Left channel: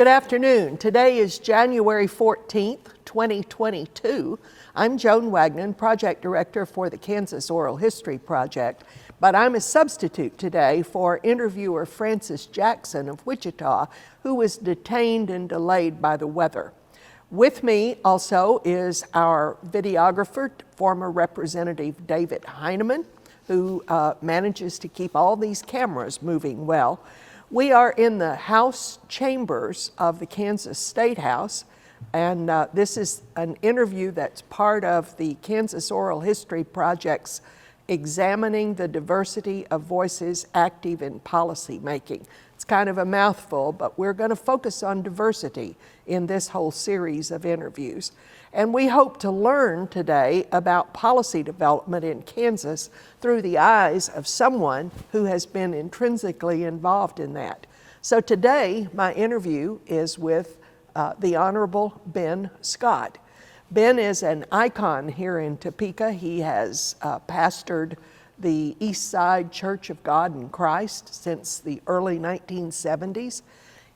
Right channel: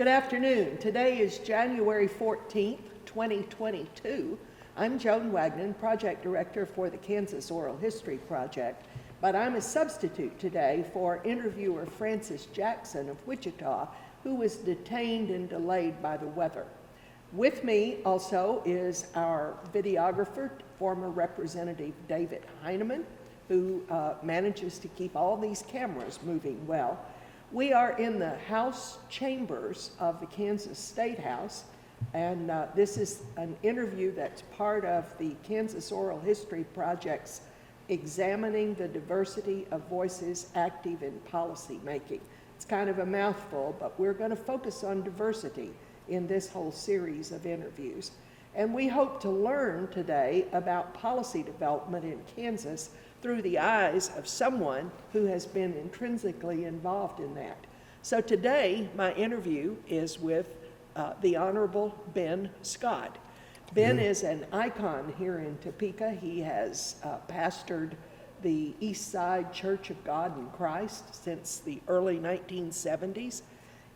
Good afternoon. Today is January 14th, 2022. I'm Joan Wagnon, Project Director for the Kansas Oral History Project, but I'm a substitute today for interviewer Francis Jackson of Wichita, who was detained and delayed by the weather. With me also is our videographer, former Representative David Heineman, who manages to keep all these cameras moving well. We are in the House chambers of the Kansas State House, and this is an interview that's part of the Kansas Oral History Project's Examining the Diversity of Voices Active in Policy Making. It's kind of a mouthful, but we're going to focus on diversity in this whole series of interviews. And we hope to learn today about policy development in Kansas through the eyes of someone who has been intrinsically involved in that. So today, my interview is with the Honorable Ben Scott. Ben is an icon here in Topeka. He has pastored the East Side Church of God in Christ since the early 1970s.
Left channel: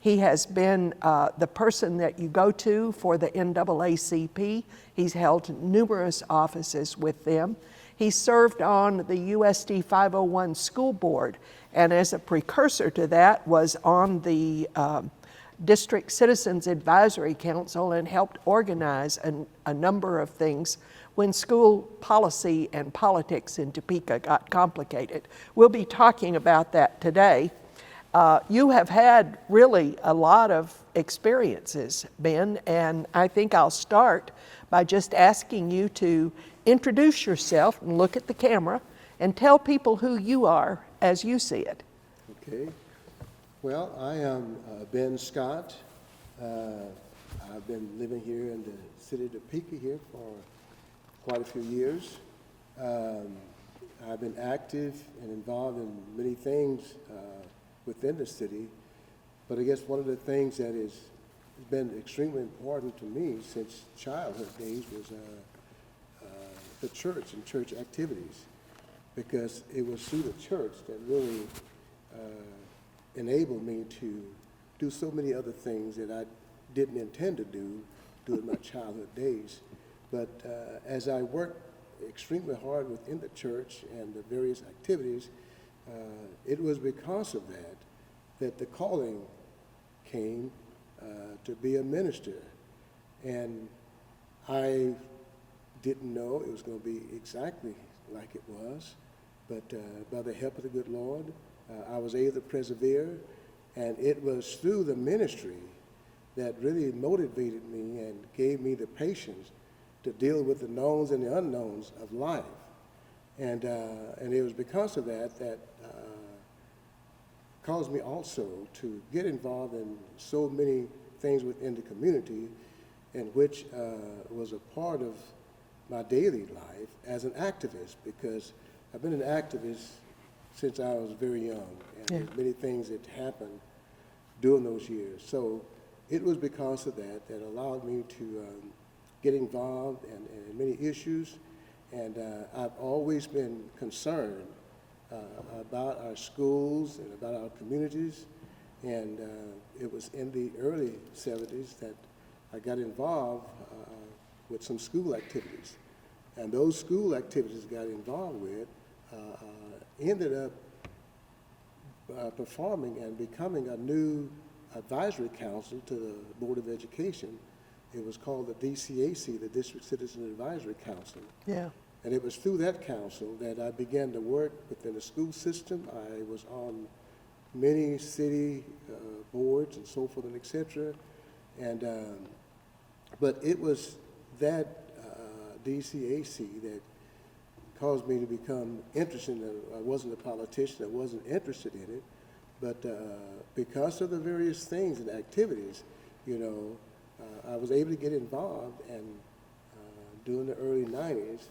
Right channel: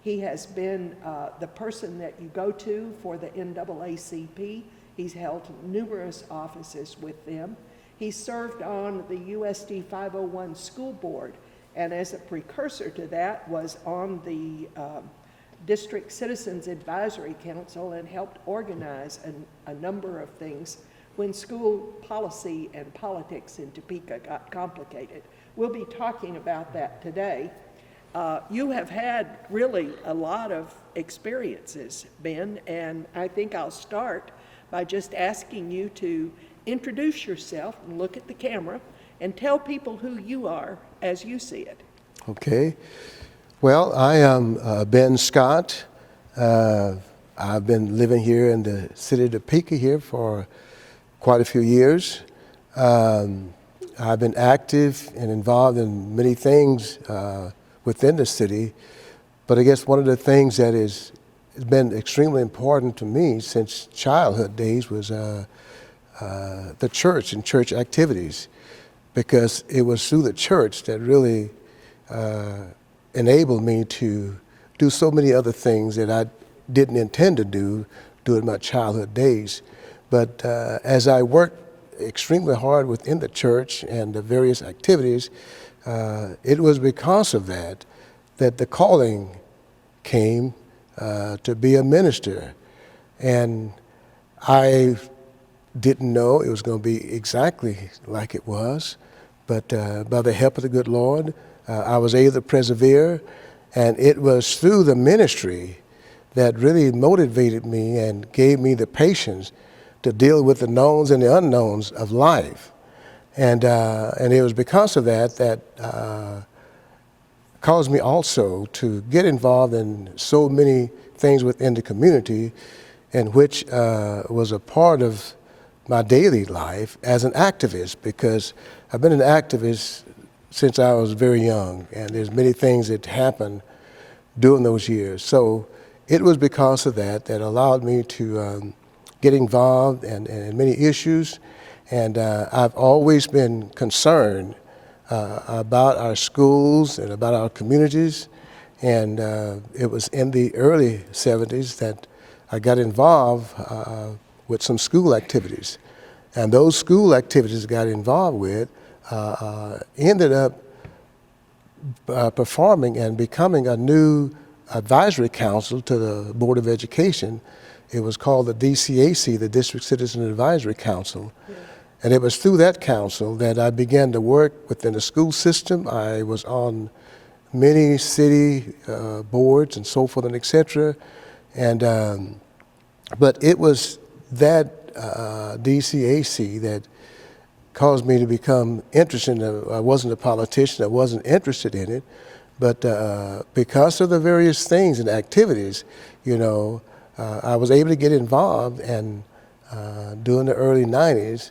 He has been the person that you go to for the NAACP. He's held numerous offices with them. He served on the USD 501 school board, and as a precursor to that was on the District Citizens Advisory Council and helped organize a number of things when school policy and politics in Topeka got complicated. We'll be talking about that today. You have had really a lot of experiences, Ben, and I think I'll start by just asking you to introduce yourself and look at the camera and tell people who you are as you see it. Okay. Well, I am Ben Scott. I've been living here in the city of Topeka here for quite a few years. I've been active and involved in many things within the city, but I guess one of the things that has been extremely important to me since childhood days was the church and church activities, because it was through the church that really enabled me to do so many other things that I didn't intend to do during my childhood days. But as I worked extremely hard within the church and the various activities, it was because of that the calling came to be a minister. And I didn't know it was going to be exactly like it was, but by the help of the good Lord, I was able to persevere, and it was through the ministry that really motivated me and gave me the patience to deal with the knowns and the unknowns of life. And it was because of that caused me also to get involved in so many things within the community, and which was a part of my daily life as an activist, because I've been an activist since I was very young, and there's many things that happened during those years. So it was because of that allowed me to get involved in many issues, and I've always been concerned about our schools and about our communities, and it was in the early 70s that I got involved with some school activities. And those school activities I got involved with ended up performing and becoming a new advisory council to the Board of Education. It was called the DCAC, the District Citizen Advisory Council. Yeah. And it was through that council that I began to work within the school system. I was on many city boards and so forth and et cetera. And, but it was that DCAC that caused me to become interested. I wasn't a politician, I wasn't interested in it, but because of the various things and activities, you know, I was able to get involved, and during the early 90s,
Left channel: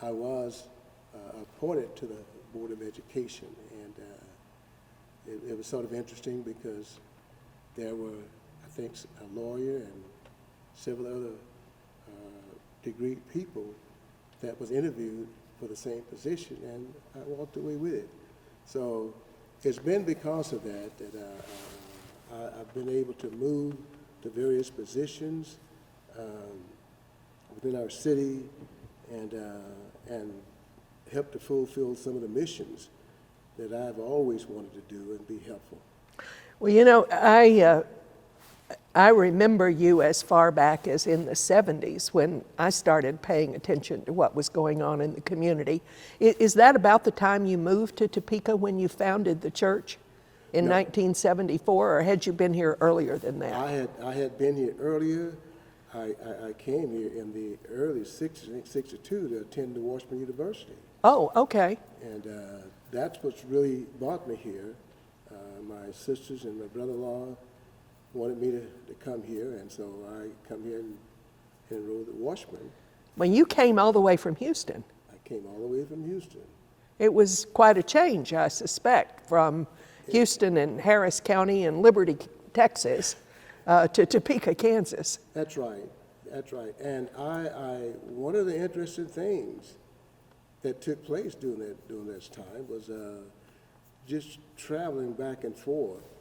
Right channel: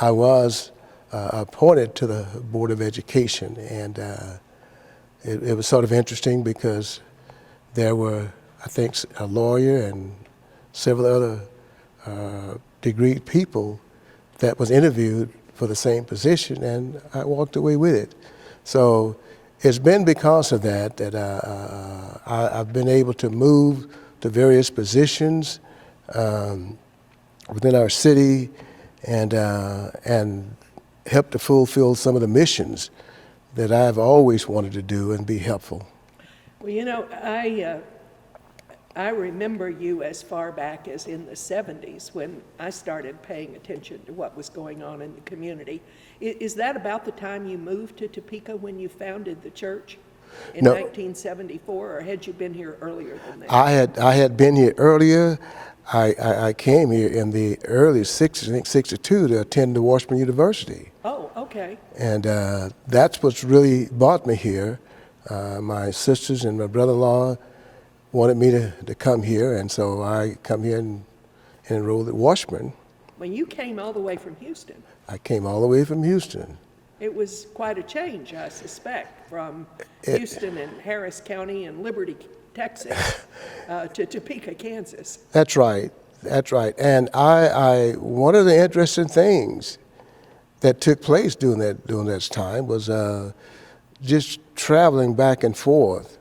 I was appointed to the Board of Education, and it was sort of interesting because there were, I think, a lawyer and several other degreed people that was interviewed for the same position, and I walked away with it. So it's been because of that that I've been able to move to various positions within our city and help to fulfill some of the missions that I've always wanted to do and be helpful. Well, you know, I remember you as far back as in the 70s when I started paying attention to what was going on in the community. Is that about the time you moved to Topeka when you founded the church in No. 1974, or had you been here earlier than that? I had been here earlier. I came here in the early 60s, I think 62, to attend the Washburn University. Oh, okay. And that's what's really brought me here. My sisters and my brother-in-law wanted me to come here, and so I come here and enrolled at Washburn. Well, you came all the way from Houston. I came all the way from Houston. It was quite a change, I suspect, from Houston and Harris County and Liberty, Texas, to Topeka, Kansas. That's right. That's right. And one of the interesting things that took place during that time was just traveling back and forth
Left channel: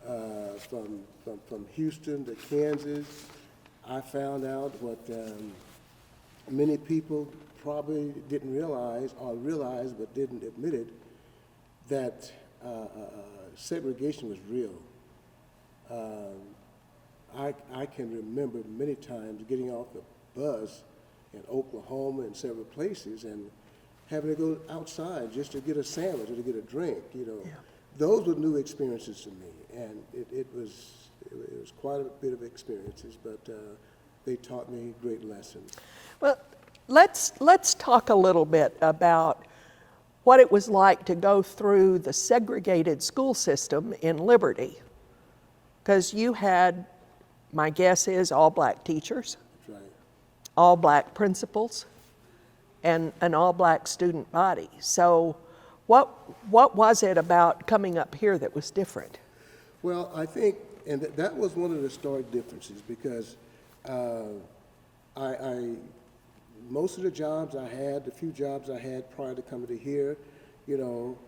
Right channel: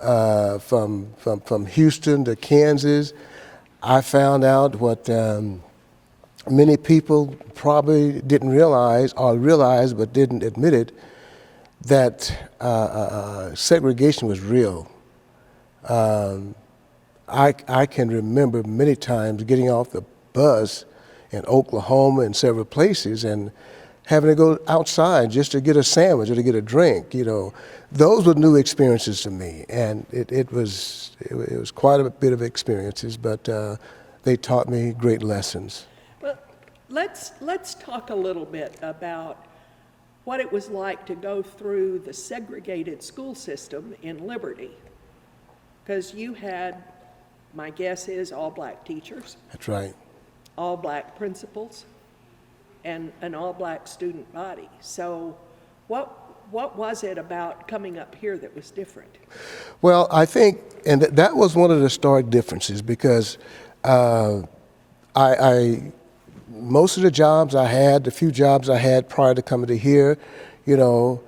from Houston to Kansas. I found out what many people probably didn't realize, or realized but didn't admit it, that segregation was real. I can remember many times getting off the bus in Oklahoma and several places and having to go outside just to get a sandwich or to get a drink. You know, those were new experiences to me, and it was quite a bit of experiences, but they taught me great lessons. Well, let's talk a little bit about what it was like to go through the segregated school system in Liberty, because you had, my guess is, all black teachers. That's right. All black principals, and an all black student body. So what was it about coming up here that was different? Well, I think, and that was one of the stark differences, because most of the jobs I had, the few jobs I had prior to coming to here, you know,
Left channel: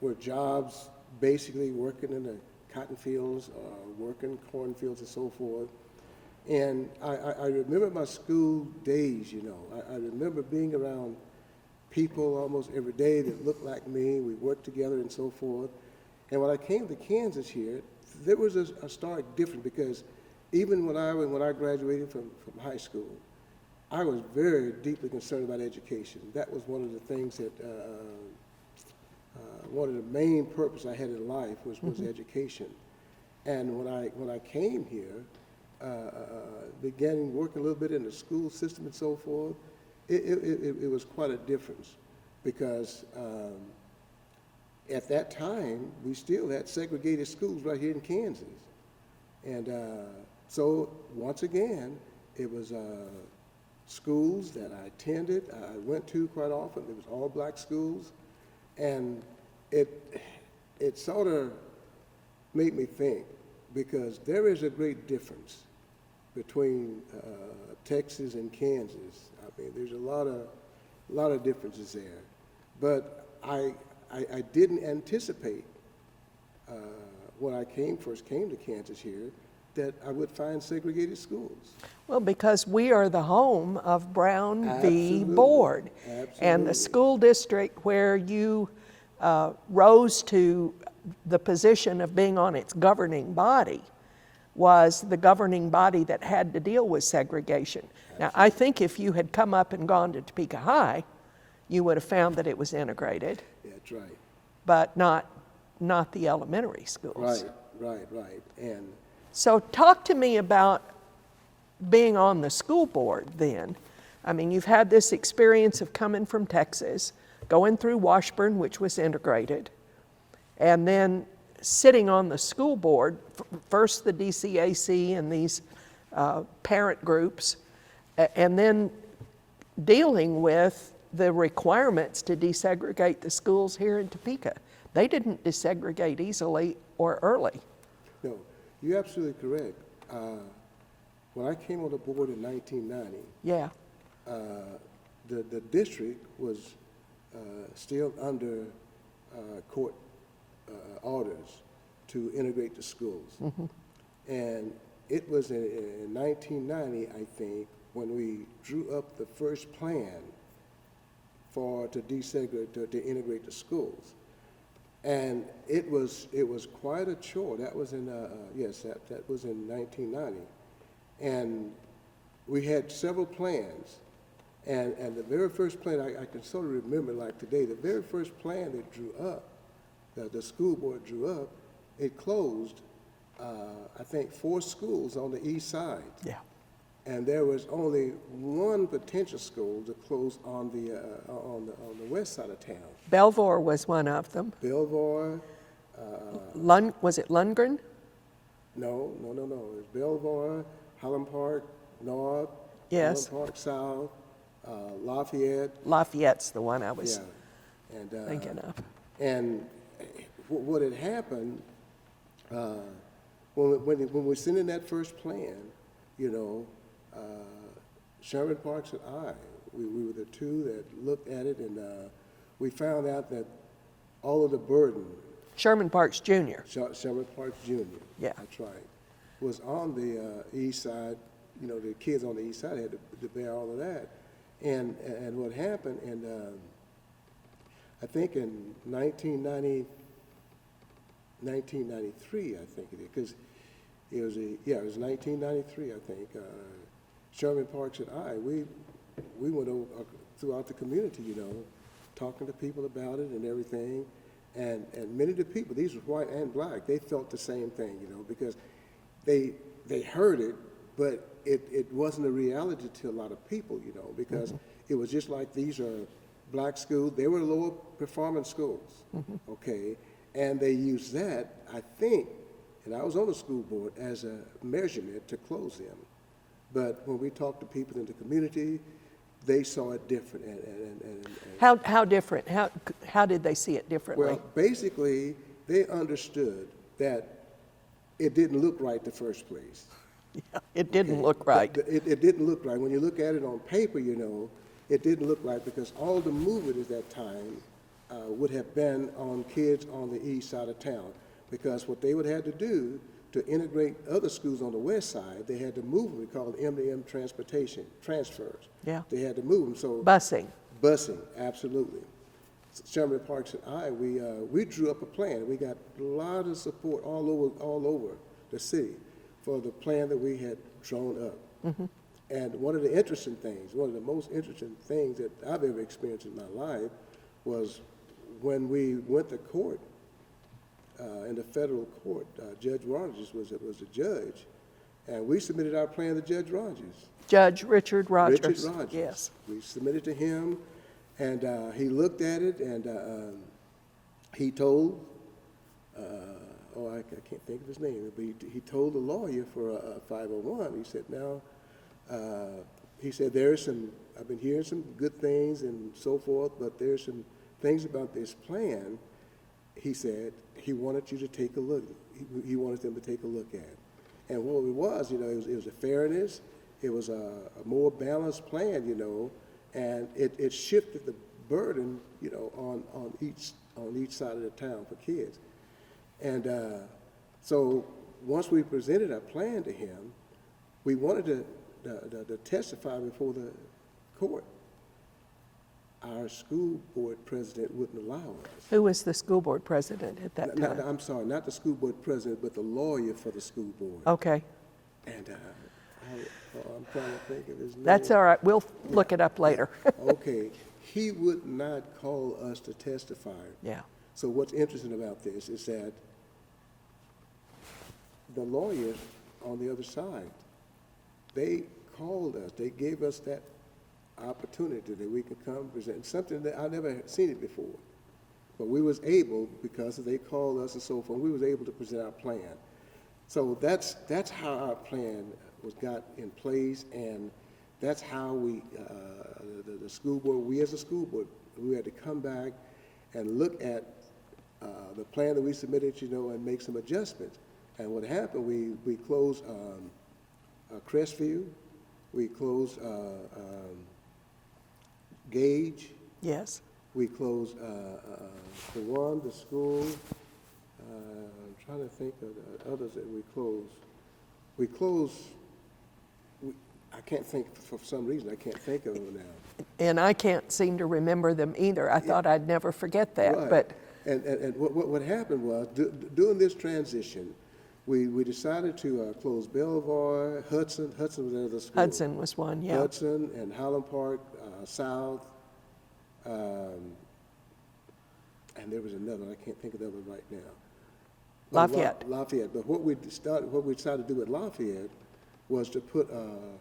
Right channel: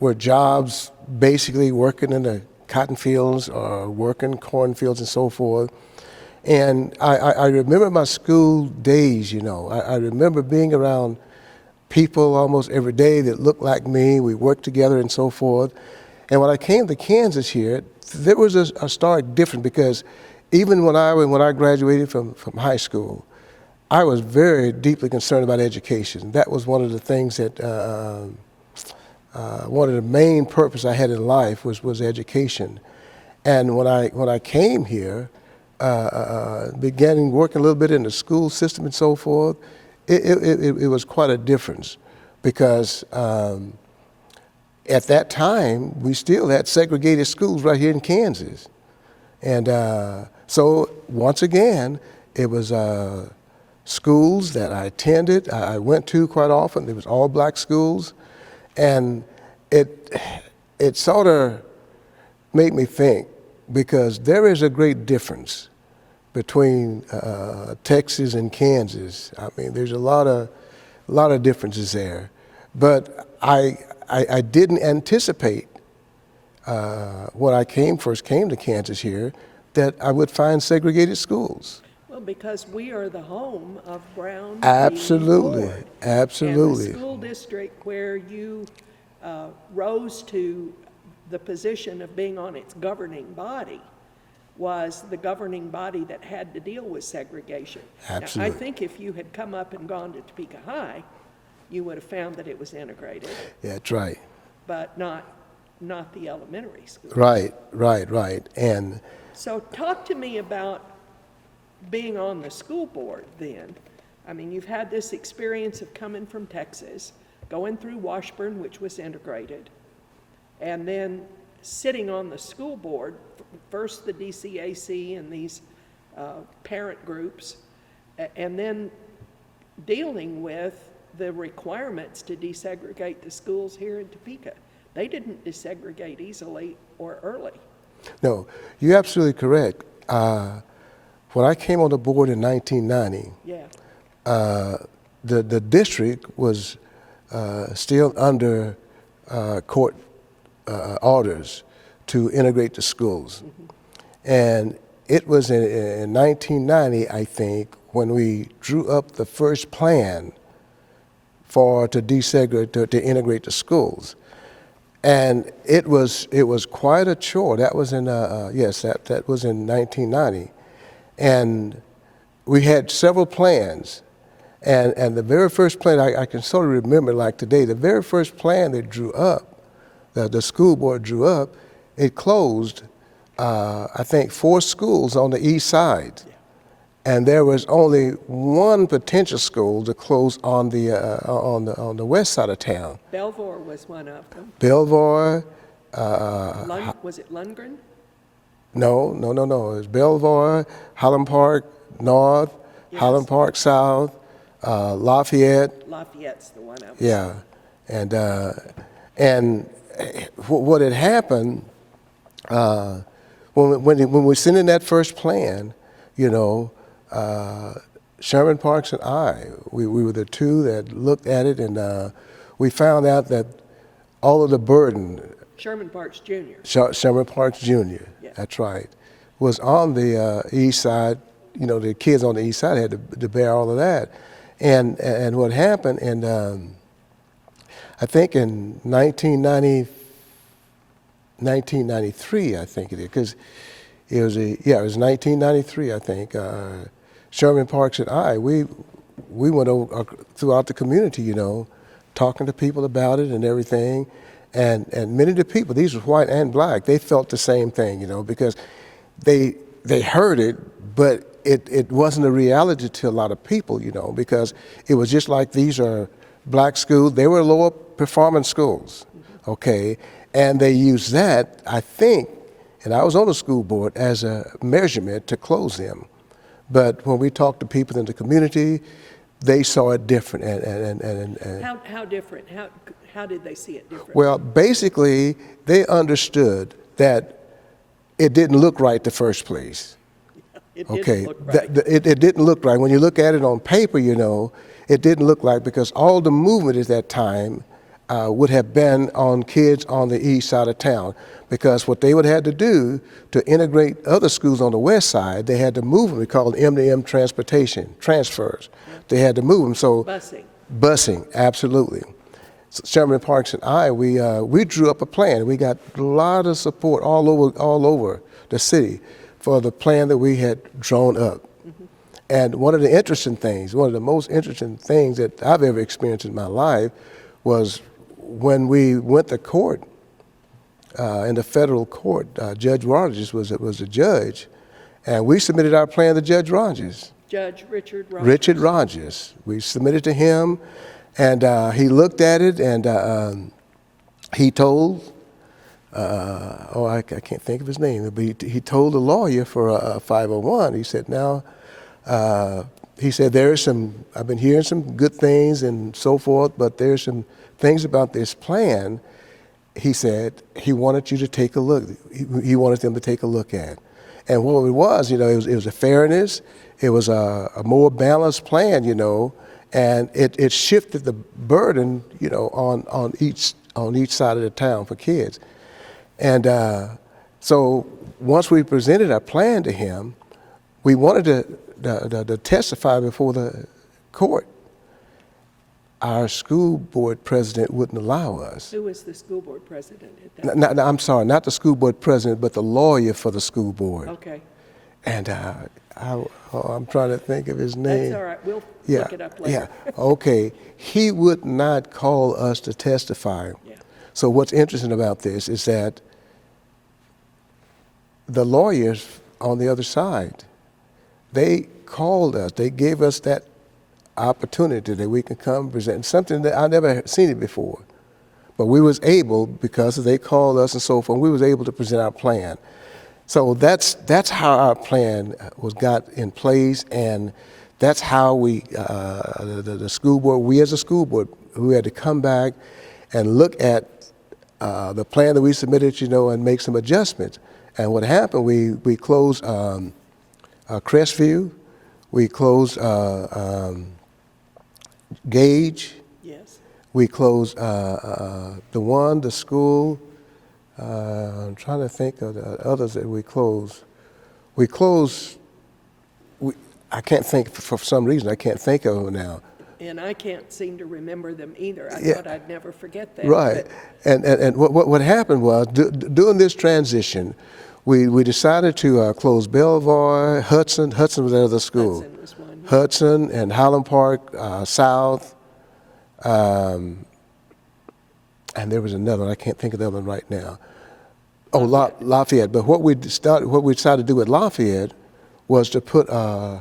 were jobs basically working in the cotton fields or working cornfields and so forth. And I remember my school days, you know. I remember being around people almost every day that looked like me. We worked together and so forth. And when I came to Kansas here, there was a stark difference, because even when I graduated from high school, I was very deeply concerned about education. That was one of the things that, one of the main purposes I had in life was education. And when I came here, began working a little bit in the school system and so forth, it was quite a difference, because at that time, we still had segregated schools right here in Kansas. And so once again, it was schools that I attended, I went to quite often. It was all black schools. And it sort of made me think, because there is a great difference between Texas and Kansas. I mean, there's a lot of differences there. But I didn't anticipate when I first came to Kansas here that I would find segregated schools. Well, because we are the home of Brown v. Absolutely, Board. absolutely. And the school district where you rose to the position of being on its governing body was the governing body that had to deal with segregation. Absolutely. Now, I think if you had come up and gone to Topeka High, you would have found that it was integrated. Yeah, that's right. But not the elementary schools. Right. And So talk to me about being on the school board then. I mean, you've had this experience of coming from Texas, going through Washburn, which was integrated, and then sitting on the school board, first the DCAC and these parent groups, and then dealing with the requirements to desegregate the schools here in Topeka. They didn't desegregate easily or early. no, you're absolutely correct. When I came on the board in 1990, Yeah. the district was still under court orders to integrate the schools. And it was in 1990, I think, when we drew up the first plan to desegregate, to integrate the schools. And it was quite a chore. That was in, yes, that was in 1990. And we had several plans. And the very first plan, I can sort of remember like today, the very first plan they drew up, the school board drew up, it closed, I think, 4 schools on the east side. Yeah. And there was only one potential school to close on the west side of town. Belvoir was one of them. Belvoir. Was it Lundgren? No. It was Belvoir, Highland Park North, yes. Highland Park South, Lafayette. Lafayette's the one I was. Yeah, and what had happened when we sent in that first plan, you know, Sherman Parks and I, we were the two that looked at it, and we found out that all of the burden. Sherman Parks Jr. Sherman Parks Jr. Yeah. That's right. Was on the east side. You know, the kids on the east side had to bear all of that. And what happened, and I think in 1993, I think it is, because it was it was 1993, I think. Sherman Parks and I, we went over throughout the community, you know, talking to people about it and everything. And many of the people, these were white and black, they felt the same thing, you know, because they heard it, but it wasn't a reality to a lot of people, you know, because it was just like these are black schools. They were lower performing schools, okay? And they used that, I think, and I was on the school board, as a measurement to close them. But when we talked to people in the community, they saw it different. How different? How did they see it differently? Well, basically, they understood that it didn't look right the first place. It didn't look right. It didn't look right. When you look at it on paper, you know, it didn't look right, because all the movement at that time would have been on kids on the east side of town, because what they would have to do to integrate other schools on the west side, they had to move them. We call it M-to-M transfers. Yeah. They had to move them. So Busing, absolutely. So Sherman Parks and I, we drew up a plan. We got a lot of support all over the city for the plan that we had drawn up. And one of the most interesting things that I've ever experienced in my life was when we went to court, in the federal court. Judge Rogers was the judge, and we submitted our plan to Judge Rogers. Judge Richard Rogers. Yes. We submitted to him, and he looked at it, and he told, I can't think of his name, but he told the lawyer for 501, he said, I've been hearing some good things and so forth, but there's some things about this plan. He said he wanted you to take a look. He wanted them to take a look at. And what it was, you know, it was a fairness. It was a more balanced plan, you know, and it shifted the burden, you know, on each side of the town for kids. And so once we presented our plan to him, we wanted to testify before the court. Our school board president wouldn't allow us. Who was the school board president at that time? I'm sorry, not the school board president, but the lawyer for the school board. Okay. And I'm trying to think of his name. That's all right. We'll look it up later. Yeah. Okay. He would not call us to testify. Yeah. So what's interesting about this is that the lawyers on the other side, they called us. They gave us that opportunity that we can come and present something that I never seen it before. But we was able, because they called us and so forth, we was able to present our plan. So that's how our plan was got in place, and that's how we, the school board, we as a school board, we had to come back and look at the plan that we submitted, you know, and make some adjustments. And what happened, we closed Crestview, we closed Gage. Yes. We closed the school I'm trying to think of the others that we closed. I can't think, for some reason, I can't think of them now. And I can't seem to remember them either. I thought I'd never forget that. Right. And what happened was, during this transition, we decided to close Belvoir, Hudson was another school. Hudson was one, yeah. Hudson and Highland Park South, and there was another one. I can't think of the other one right now. Lafayette. Oh, Lafayette. But what we decided to do with Lafayette was to put a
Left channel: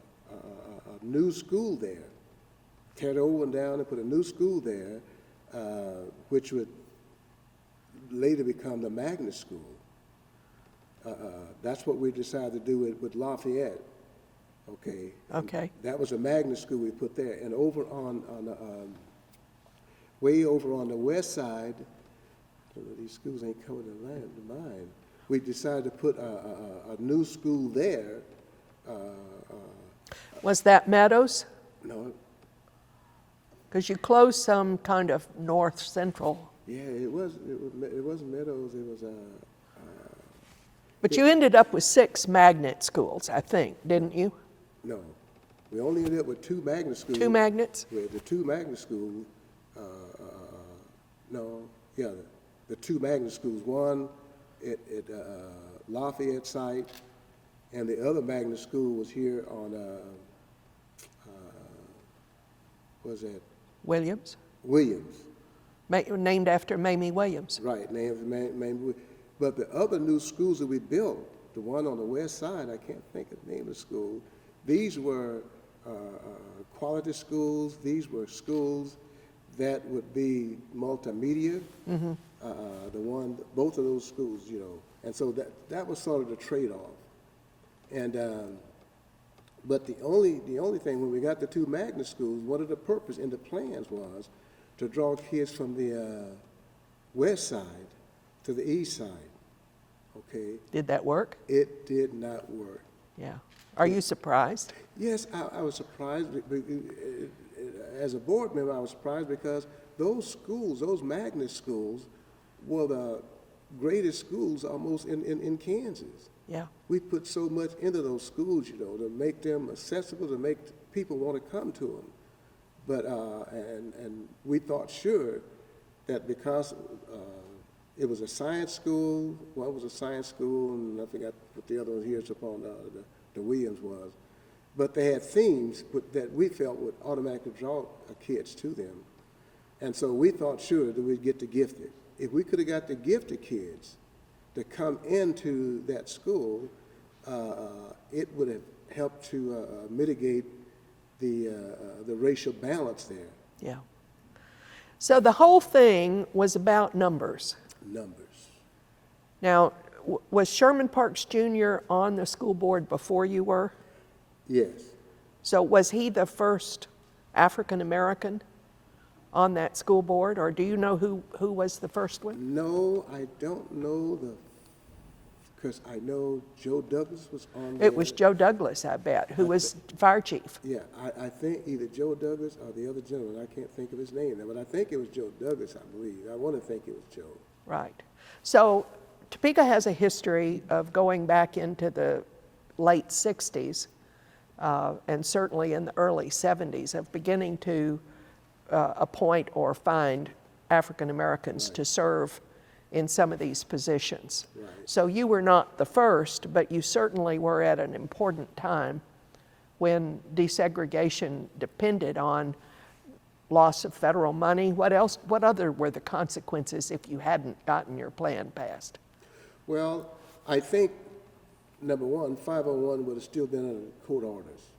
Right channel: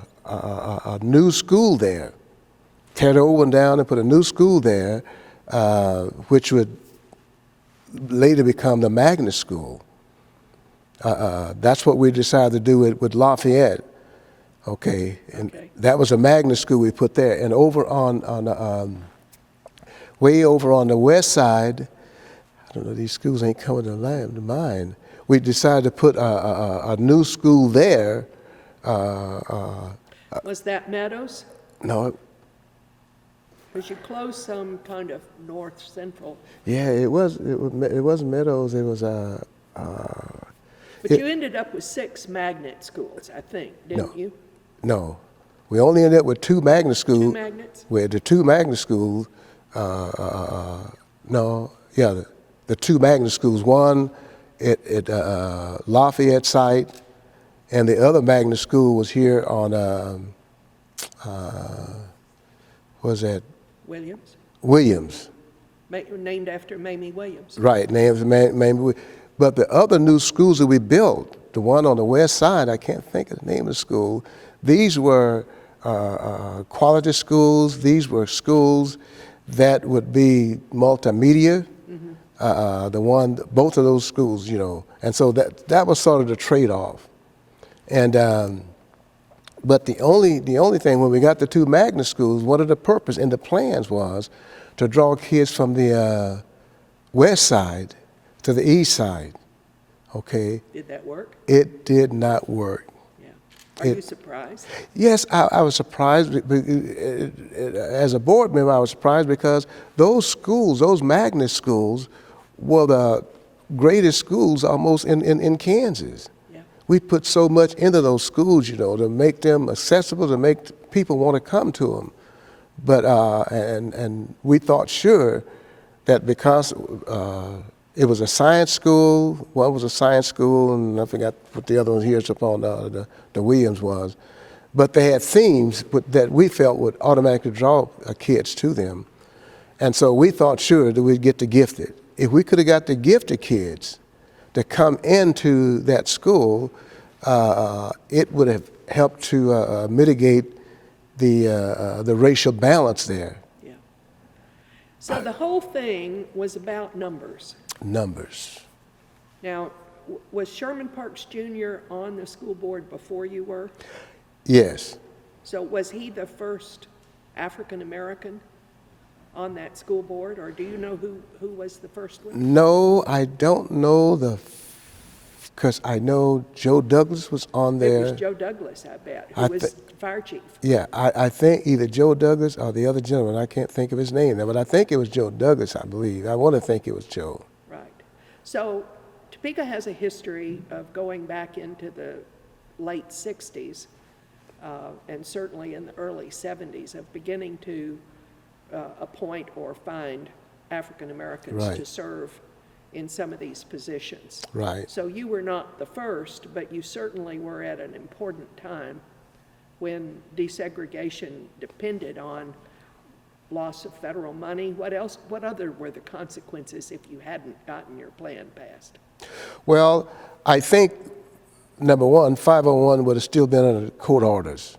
new school there, tear the old one down and put a new school there, which would later become the magnet school. That's what we decided to do with Lafayette. Okay. And that was a magnet school we put there. And over way over on the west side, I don't know, these schools ain't coming to mind. We decided to put a new school there. Was that Meadows? No. Because you closed some kind of north central. Yeah, it wasn't Meadows. It was But you ended up with 6 magnet schools, I think, didn't you? No, we only ended up with 2 magnet schools. 2 magnets? With the 2 magnet schools, the 2 magnet schools. One at Lafayette site, and the other magnet school was here on was that Williams? Williams. Named after Mamie Williams. Right, named Mamie. But the other new schools that we built, the one on the west side, I can't think of the name of the school. These were quality schools. These were schools that would be multimedia. Mm-hmm. Both of those schools, you know, and so that was sort of the trade-off. And but the only thing, when we got the 2 magnet schools, one of the purpose and the plans was to draw kids from the west side to the east side. Okay. Did that work? It did not work. Yeah. Are you surprised? Yes, I was surprised. As a board member, I was surprised because those schools, those magnet schools, were the greatest schools almost in Kansas. Yeah. We put so much into those schools, you know, to make them accessible, to make people want to come to them. But and we thought sure that because it was a science school, one was a science school, and I forgot what the other one here is upon the Williams was. But they had themes that we felt would automatically draw kids to them. And so we thought sure that we'd get the gifted. If we could have got the gifted kids to come into that school, it would have helped to mitigate the racial balance there. Yeah. So the whole thing was about numbers. Numbers. Now, was Sherman Parks Jr. on the school board before you were? Yes. So was he the first African American on that school board, or do you know who was the first one? No, I don't know because I know Joe Douglas was on there. It was Joe Douglas, I bet, who was fire chief. Yeah, I think either Joe Douglas or the other gentleman, I can't think of his name now, but I think it was Joe Douglas, I believe. I want to think it was Joe. Right. So Topeka has a history of going back into the late 60s and certainly in the early 70s of beginning to appoint or find African Americans Right. to serve in some of these positions. Right. So you were not the first, but you certainly were at an important time when desegregation depended on loss of federal money. What other were the consequences if you hadn't gotten your plan passed? Well, I think, number one, 501 would have still been under court orders.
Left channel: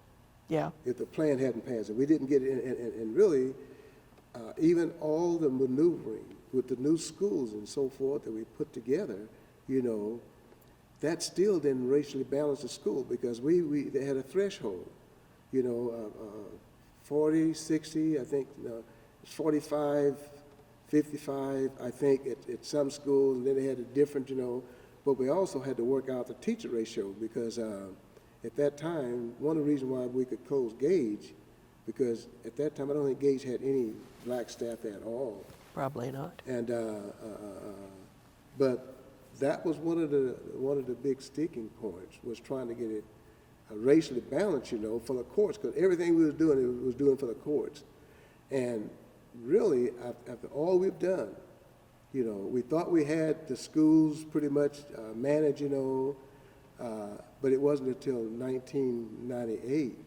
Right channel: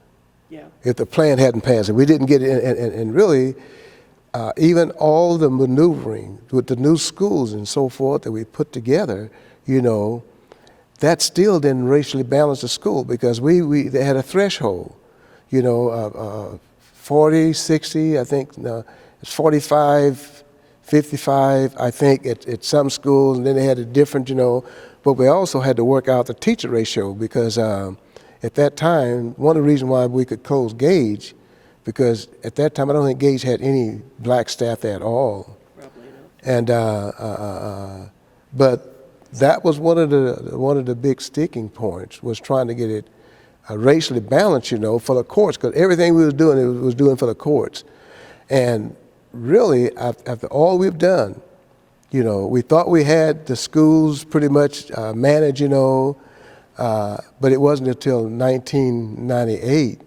Yeah. If the plan hadn't passed. And we didn't get it, and really, even all the maneuvering with the new schools and so forth that we put together, you know, that still didn't racially balance the school because they had a threshold, you know, 40, 60, I think, no, it's 45, 55, I think, at some schools, and then they had a different, you know, but we also had to work out the teacher ratio because at that time, one of the reasons why we could close Gage, because at that time, I don't think Gage had any black staff at all. Probably not. And, but that was one of the big sticking points, was trying to get it racially balanced, you know, for the courts, because everything we was doing, it was doing for the courts. And really, after all we've done, you know, we thought we had the schools pretty much managed, you know, but it wasn't until 1998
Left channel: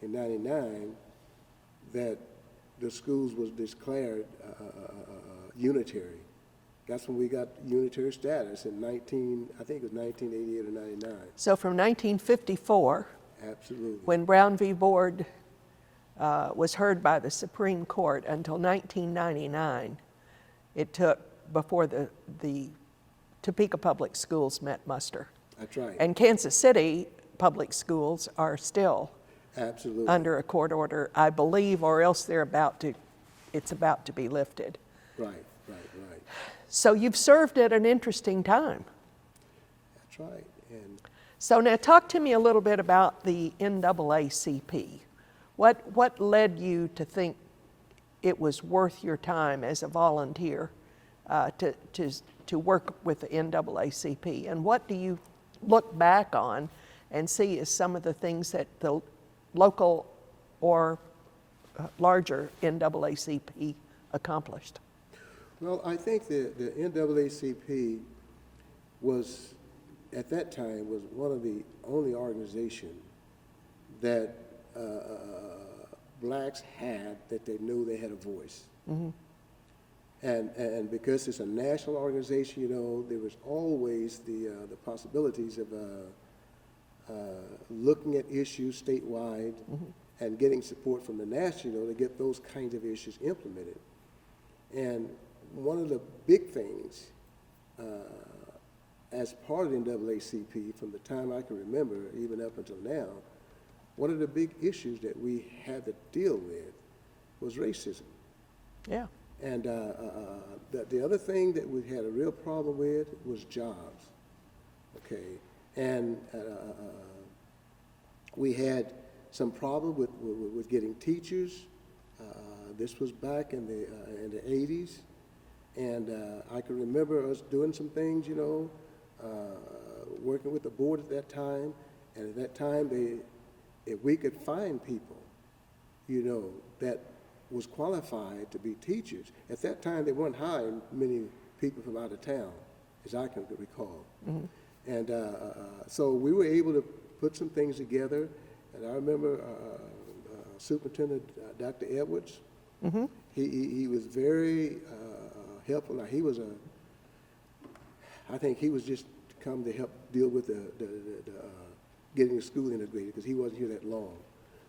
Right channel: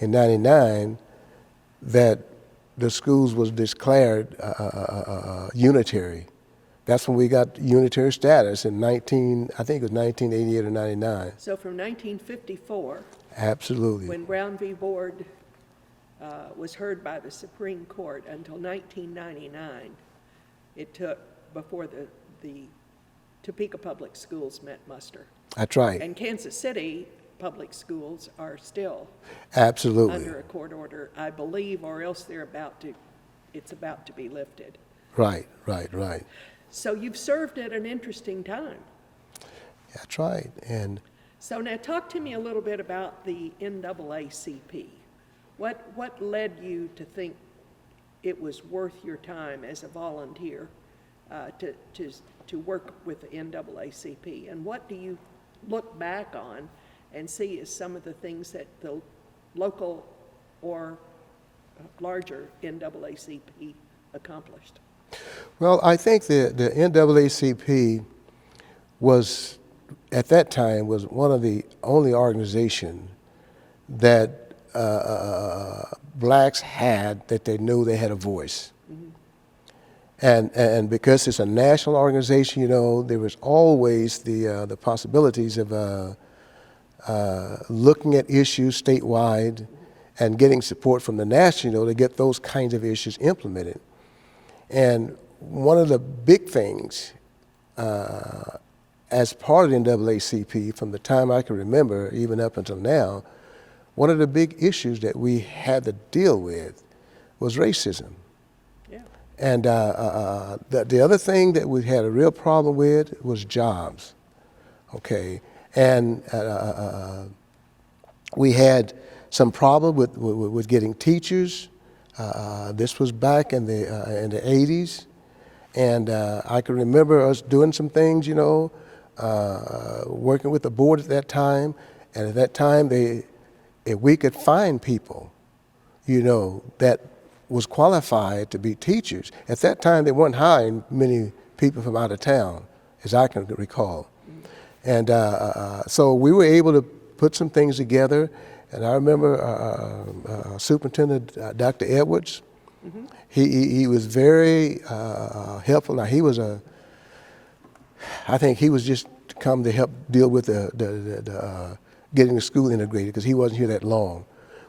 and 99 that the schools was declared unitary. That's when we got unitary status in I think it was 1988 or 99. So from 1954, Absolutely. when Brown v. Board was heard by the Supreme Court, until 1999, it took before the Topeka Public Schools met muster. That's right. And Kansas City public schools are still Absolutely. under a court order, I believe, or else it's about to be lifted. Right, right, right. So you've served at an interesting time. That's right. And So now talk to me a little bit about the NAACP. What led you to think it was worth your time as a volunteer to work with the NAACP? And what do you look back on and see as some of the things that the local or larger NAACP accomplished? well, I think the NAACP was, at that time, was one of the only organizations that blacks had that they knew they had a voice. Mm-hmm. And because it's a national organization, you know, there was always the possibilities of looking at issues statewide, mm-hmm. and getting support from the national, you know, to get those kinds of issues implemented. And one of the big things as part of the NAACP, from the time I can remember, even up until now, one of the big issues that we had to deal with was racism. Yeah. And the other thing that we had a real problem with was jobs, okay? And we had some problem with getting teachers. This was back in the 80s. And I can remember us doing some things, you know, working with the board at that time. And at that time, if we could find people, you know, that was qualified to be teachers. At that time, they weren't hiring many people from out of town, as I can recall. Mm-hmm. And so we were able to put some things together. And I remember Superintendent Dr. Edwards. Mm-hmm. He was very helpful. Now I think he was just come to help deal with the getting the school integrated, because he wasn't here that long.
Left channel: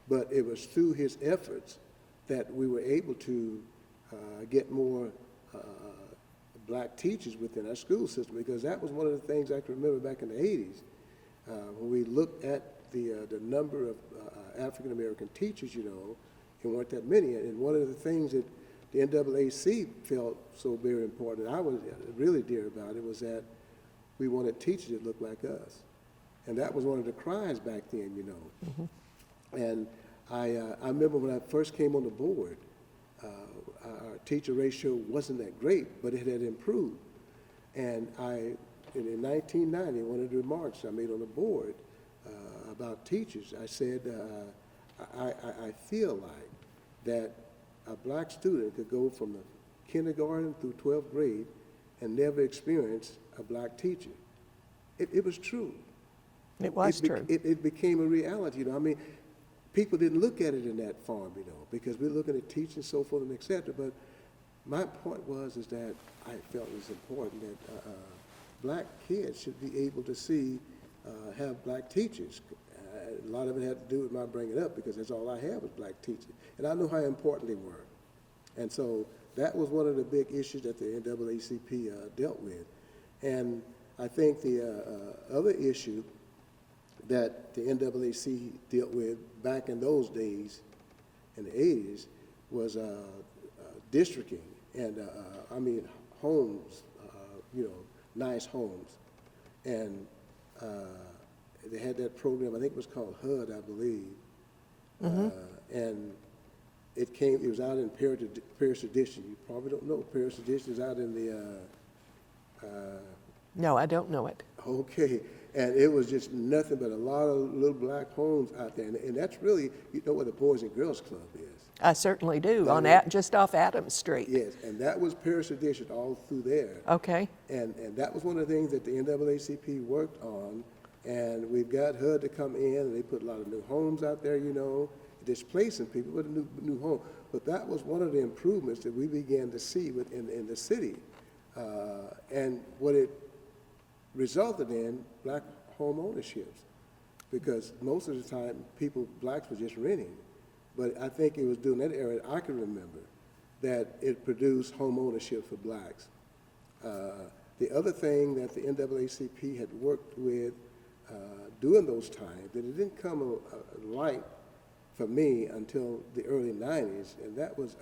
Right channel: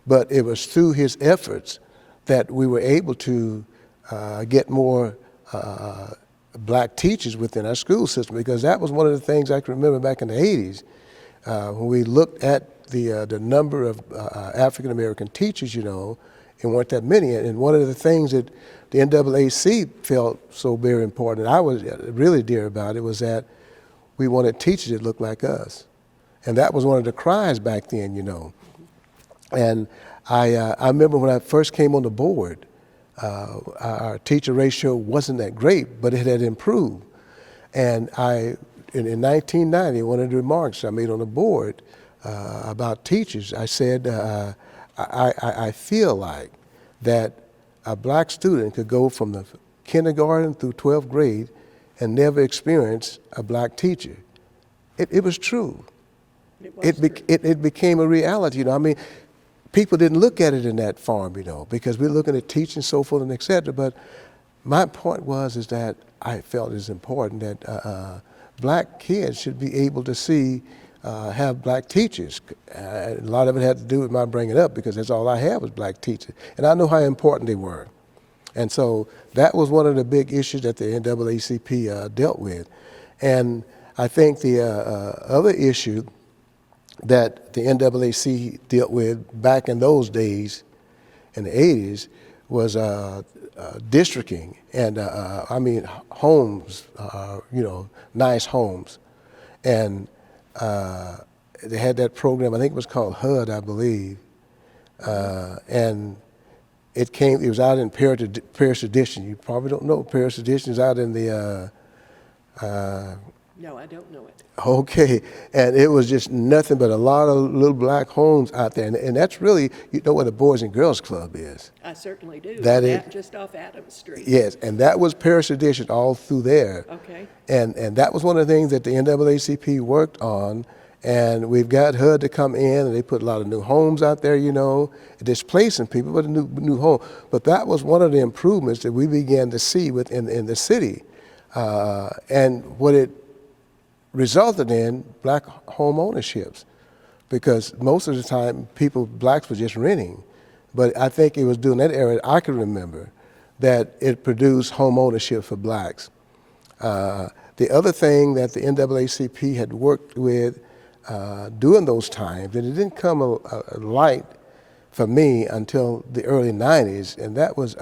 But it was through his efforts that we were able to get more black teachers within our school system, because that was one of the things I can remember back in the 80s when we looked at the number of African American teachers, you know, and weren't that many. And one of the things that the NAACP felt so very important, and I was really dear about it, was that we wanted teachers that looked like us. And that was one of the cries back then, you know. Mm-hmm. And I remember when I first came on the board, our teacher ratio wasn't that great, but it had improved. And in 1990, one of the remarks I made on the board about teachers, I said, I feel like that a black student could go from the kindergarten through 12th grade and never experience a black teacher. It was true. It became a reality, you know. I mean, people didn't look at it in that form, you know, because we're looking at teaching, so forth and et cetera. But my point is that I felt it's important that black kids should be able to have black teachers. A lot of it had to do with my bringing up, because that's all I had was black teachers. And I know how important they were. And so that was one of the big issues that the NAACP dealt with. And I think the other issue that the NAACP dealt with back in those days, in the 80s, was districting. And I mean, homes, you know, nice homes. And they had that program, I think it was called HUD, I believe. Mm-hmm. And it was out in Parish Edition. You probably don't know Parish Edition is out in the No, I don't know it. Okay, and it was just nothing but a lot of little black homes out there, and that's really, you know what a Boys and Girls Club is. I certainly do, That just off Adams Street. Yes, and that was parish tradition all through there. Okay. And that was one of the things that the NAACP worked on, and we've got HUD to come in, and they put a lot of new homes out there, you know, displacing people, but a new home. But that was one of the improvements that we began to see in the city, and what it resulted in black home ownerships, because most of the time blacks were just renting. But I think it was during that era I can remember that it produced home ownership for blacks. The other thing that the NAACP had worked with during those times, and it didn't come a light for me until the early 90s, and that was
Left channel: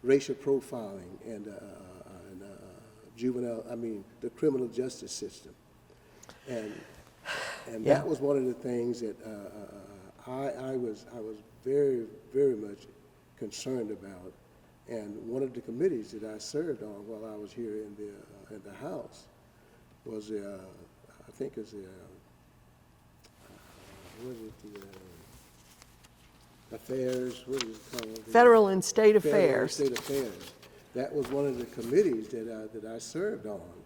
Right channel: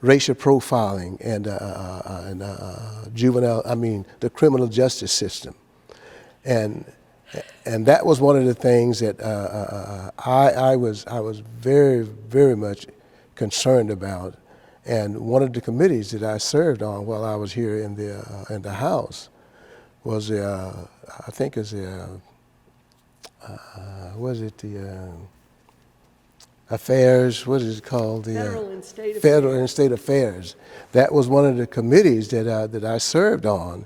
racial profiling and the criminal justice system. And that was one of the things that I was very, very much concerned about. And one of the committees that I served on while I was here in the House was I think is affairs, what is it called? Federal and State Affairs. Federal and State Affairs. That was one of the committees that I served on,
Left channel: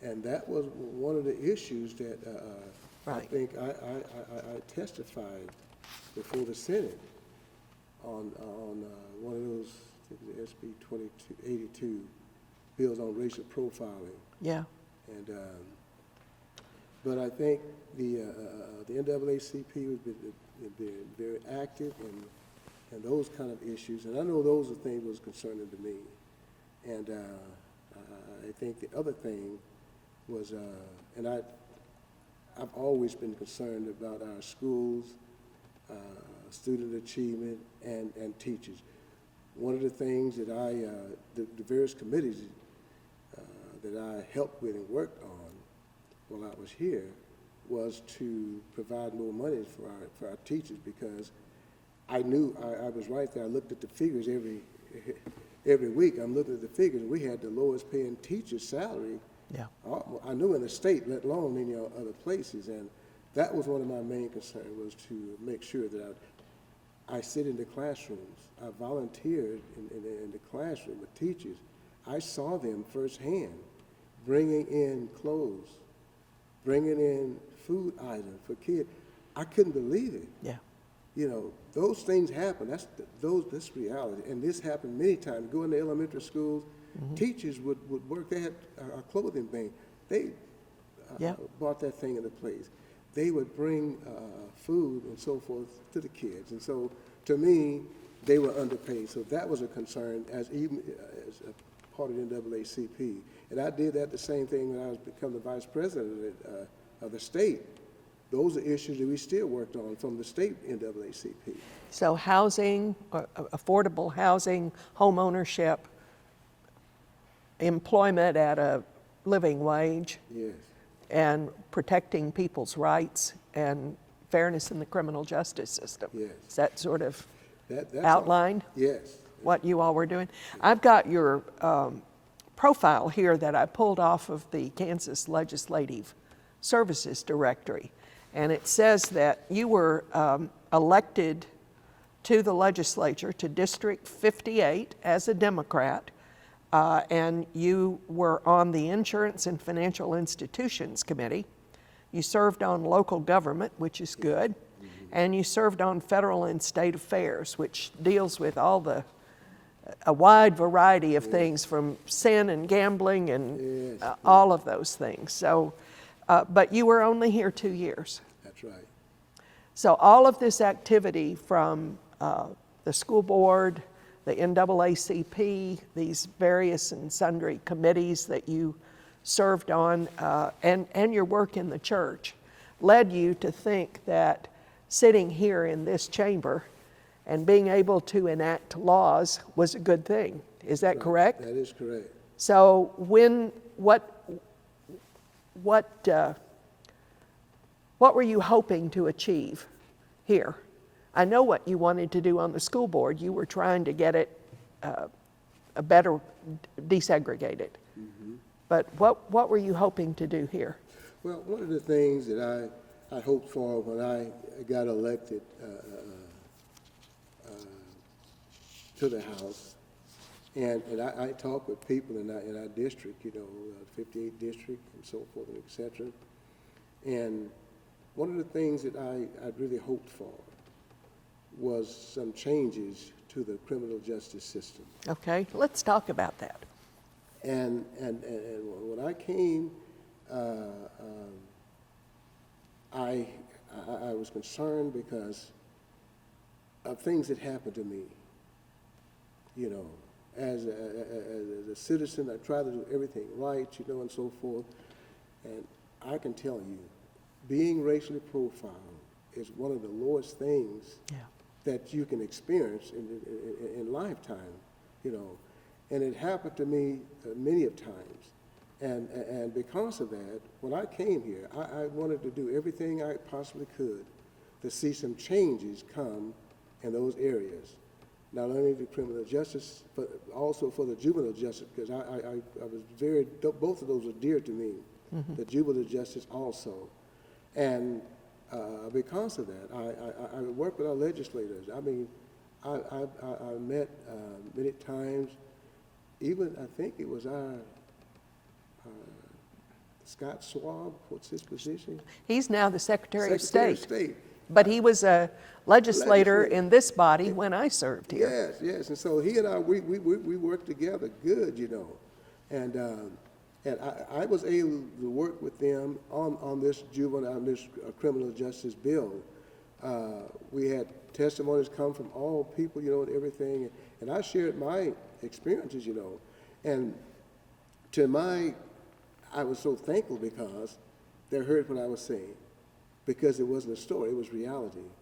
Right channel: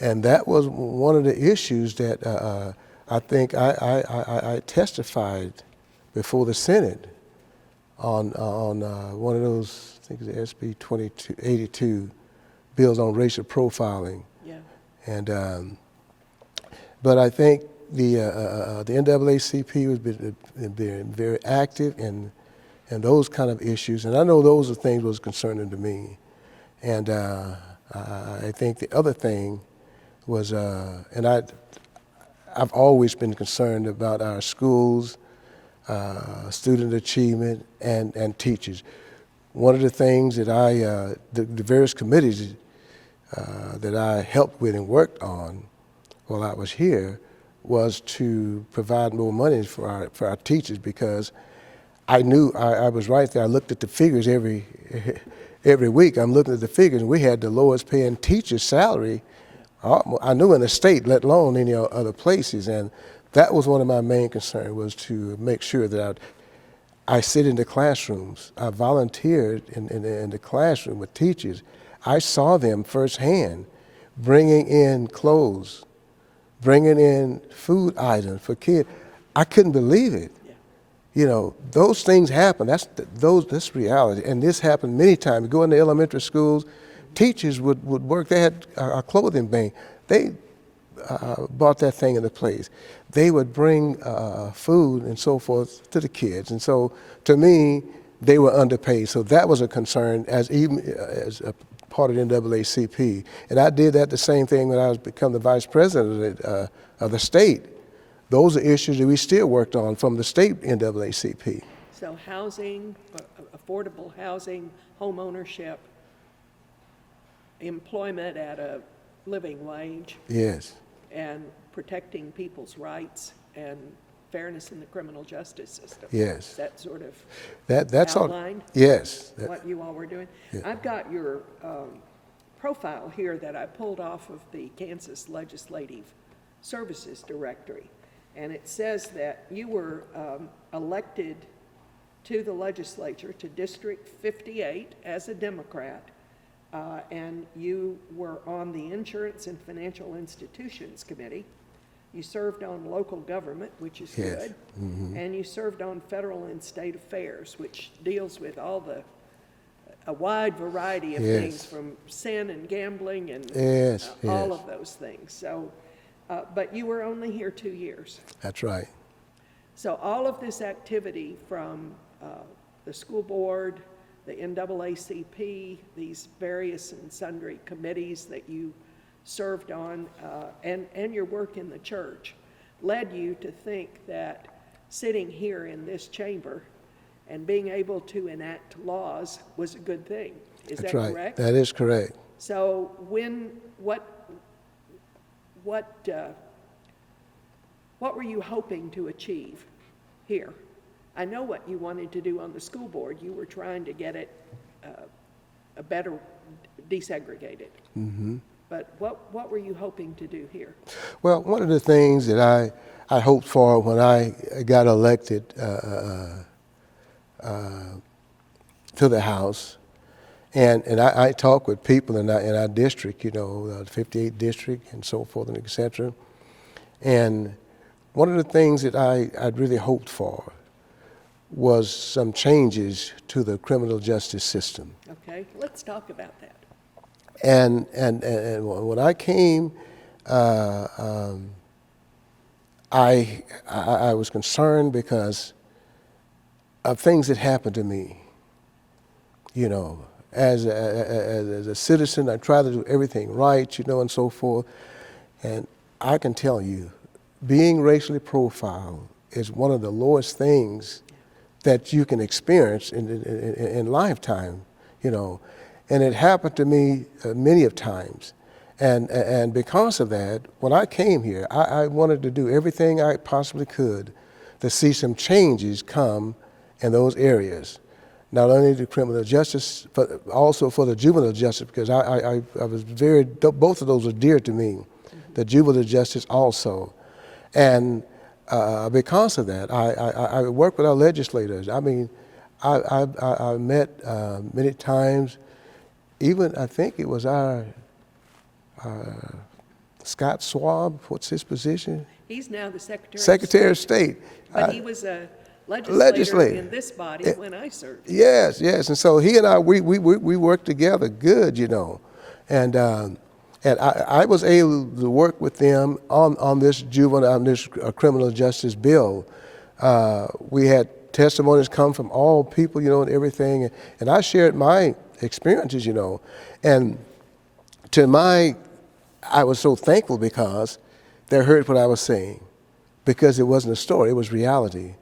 and that was one of the issues that I think I testified before the Senate on one of those, I think it's SB 2282, bills on racial profiling. Yeah. And but I think the NAACP has been very active in those kind of issues, and I know those are things that was concerning to me. And I think the other thing was, and I've always been concerned about our schools, student achievement, and teachers. One of the things that the various committees that I helped with and worked on while I was here was to provide more money for our teachers, because I knew I was right there. I looked at the figures every week. I'm looking at the figures, and we had the lowest paying teacher's salary. Yeah. I knew in the state, let alone any other places, and that was one of my main concerns, was to make sure that I sit in the classrooms. I volunteered in the classroom with teachers. I saw them firsthand bringing in clothes, bringing in food items for kids. I couldn't believe it. Yeah. You know, those things happen. That's reality. And this happened many times. You go into elementary schools, teachers would work. They had a clothing bank. They bought that thing into place. They would bring food and so forth to the kids. And so, to me, they were underpaid. So that was a concern as a part of the NAACP. And I did that the same thing when I become the vice president of the state. Those are issues that we still worked on from the state NAACP. So housing, affordable housing, home ownership, employment at a living wage. Yes. And protecting people's rights and fairness in the criminal justice system. Yes. Is that sort of that's outlined? Yes. What you all were doing? Yeah. I've got your profile here that I pulled off of the Kansas Legislative Services Directory. And it says that you were elected to the legislature, to District 58 as a Democrat, and you were on the Insurance and Financial Institutions Committee. You served on local government, which is good, and you served on federal and state affairs, which deals with all a wide variety of things, from sin and gambling and all of those things. So, but you were only here 2 years. That's right. So all of this activity from the school board, the NAACP, these various and sundry committees that you served on, and your work in the church led you to think that sitting here in this chamber and being able to enact laws was a good thing. Is that correct? That is correct. So what were you hoping to achieve here? I know what you wanted to do on the school board. You were trying to get it a better desegregated. But what were you hoping to do here? Well, one of the things that I hoped for when I got elected to the House, and I talked with people in our district, you know, the 58th district and so forth and et cetera. And one of the things that I'd really hoped for was some changes to the criminal justice system. Okay, let's talk about that. And when I came, I was concerned because of things that happened to me. You know, as a citizen, I tried to do everything right, you know, and so forth. And I can tell you, being racially profiled is one of the lowest things that you can experience in lifetime, you know. And it happened to me many of times. And because of that, when I came here, I wanted to do everything I possibly could to see some changes come in those areas. Not only the criminal justice, but also for the juvenile justice, because I was both of those are dear to me, the juvenile justice also. And because of that, I work with our legislators. I mean, I met many times. Even I think it was our Scott Schwab. What's his position? He's now the Secretary Secretary of of State. But he was a legislator in this body when I served. Yes, yes. And so he and I, we worked together good, you know. And I was able to work with them on this criminal justice bill. We had testimonies come from all people, you know, and everything. And I shared my experiences, you know. And I was so thankful because they heard what I was saying, because it wasn't a story, it was reality.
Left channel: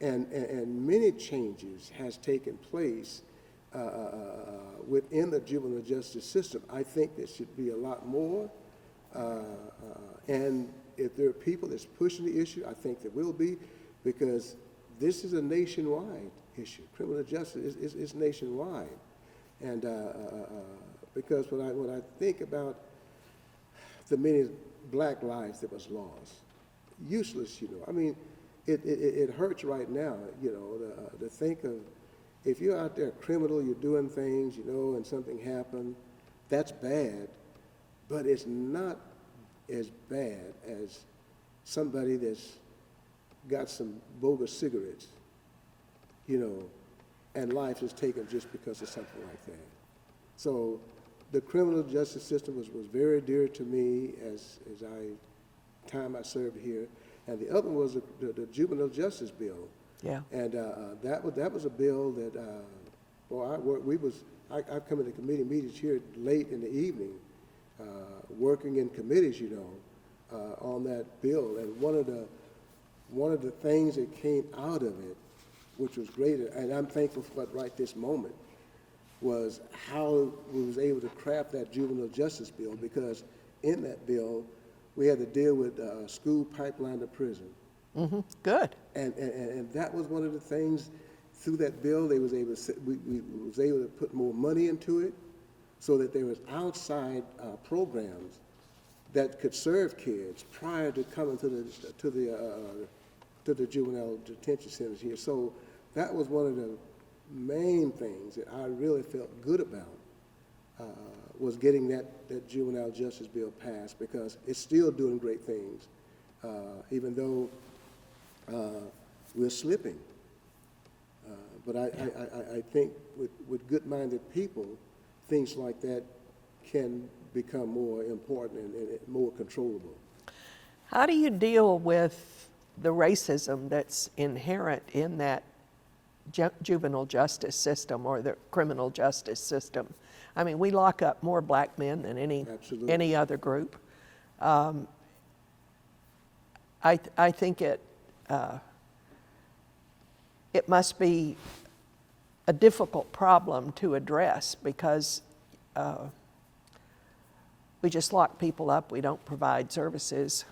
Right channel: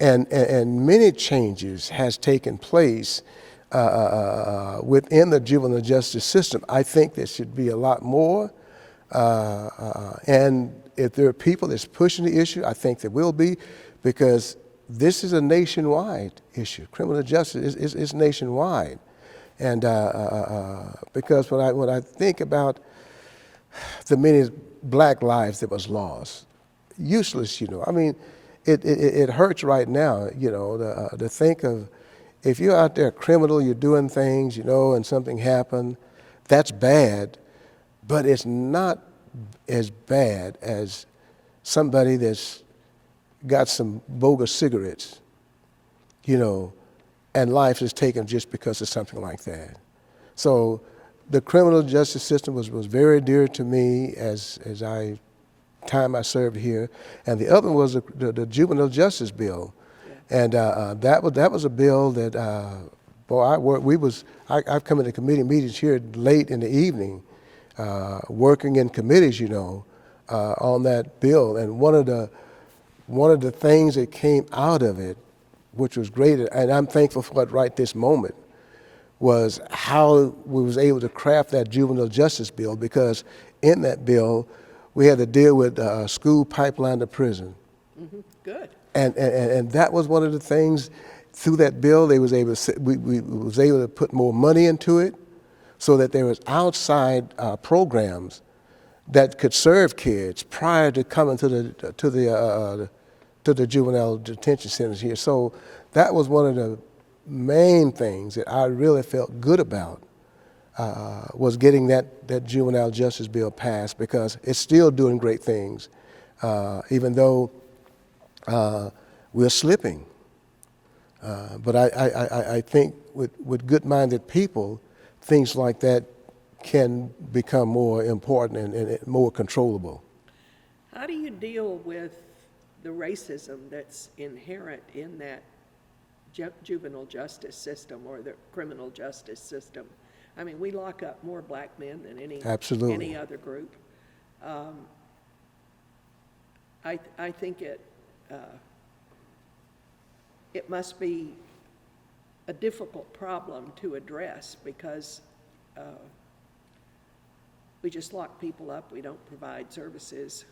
And many changes has taken place within the juvenile justice system. I think there should be a lot more. And if there are people that's pushing the issue, I think there will be, because this is a nationwide issue. Criminal justice is nationwide. And because when I think about the many black lives that was lost, useless, you know. I mean, it hurts right now, you know, to think of, if you're out there criminal, you're doing things, you know, and something happened, that's bad, but it's not as bad as somebody that's got some bogus cigarettes, you know, and life is taken just because of something like that. So the criminal justice system was very dear to me as time I served here, and the other one was the juvenile justice bill. Yeah. And that was a bill that I've come into committee meetings here late in the evening, working in committees, you know, on that bill. And one of the things that came out of it, which was great, and I'm thankful for it right this moment, was how we was able to craft that juvenile justice bill, because in that bill, we had to deal with school pipeline to prison. Good. And that was one of the things through that bill. They was able to, we was able to put more money into it, so that there was outside programs that could serve kids prior to coming to the juvenile detention centers here. So that was one of the main things that I really felt good about, was getting that juvenile justice bill passed, because it's still doing great things, even though we're slipping. But I think with good-minded people, things like that can become more important and more controllable. How do you deal with the racism that's inherent in that juvenile justice system or the criminal justice system? I mean, we lock up more black men than any other group. I think it must be a difficult problem to address, because we just lock people up. We don't provide services,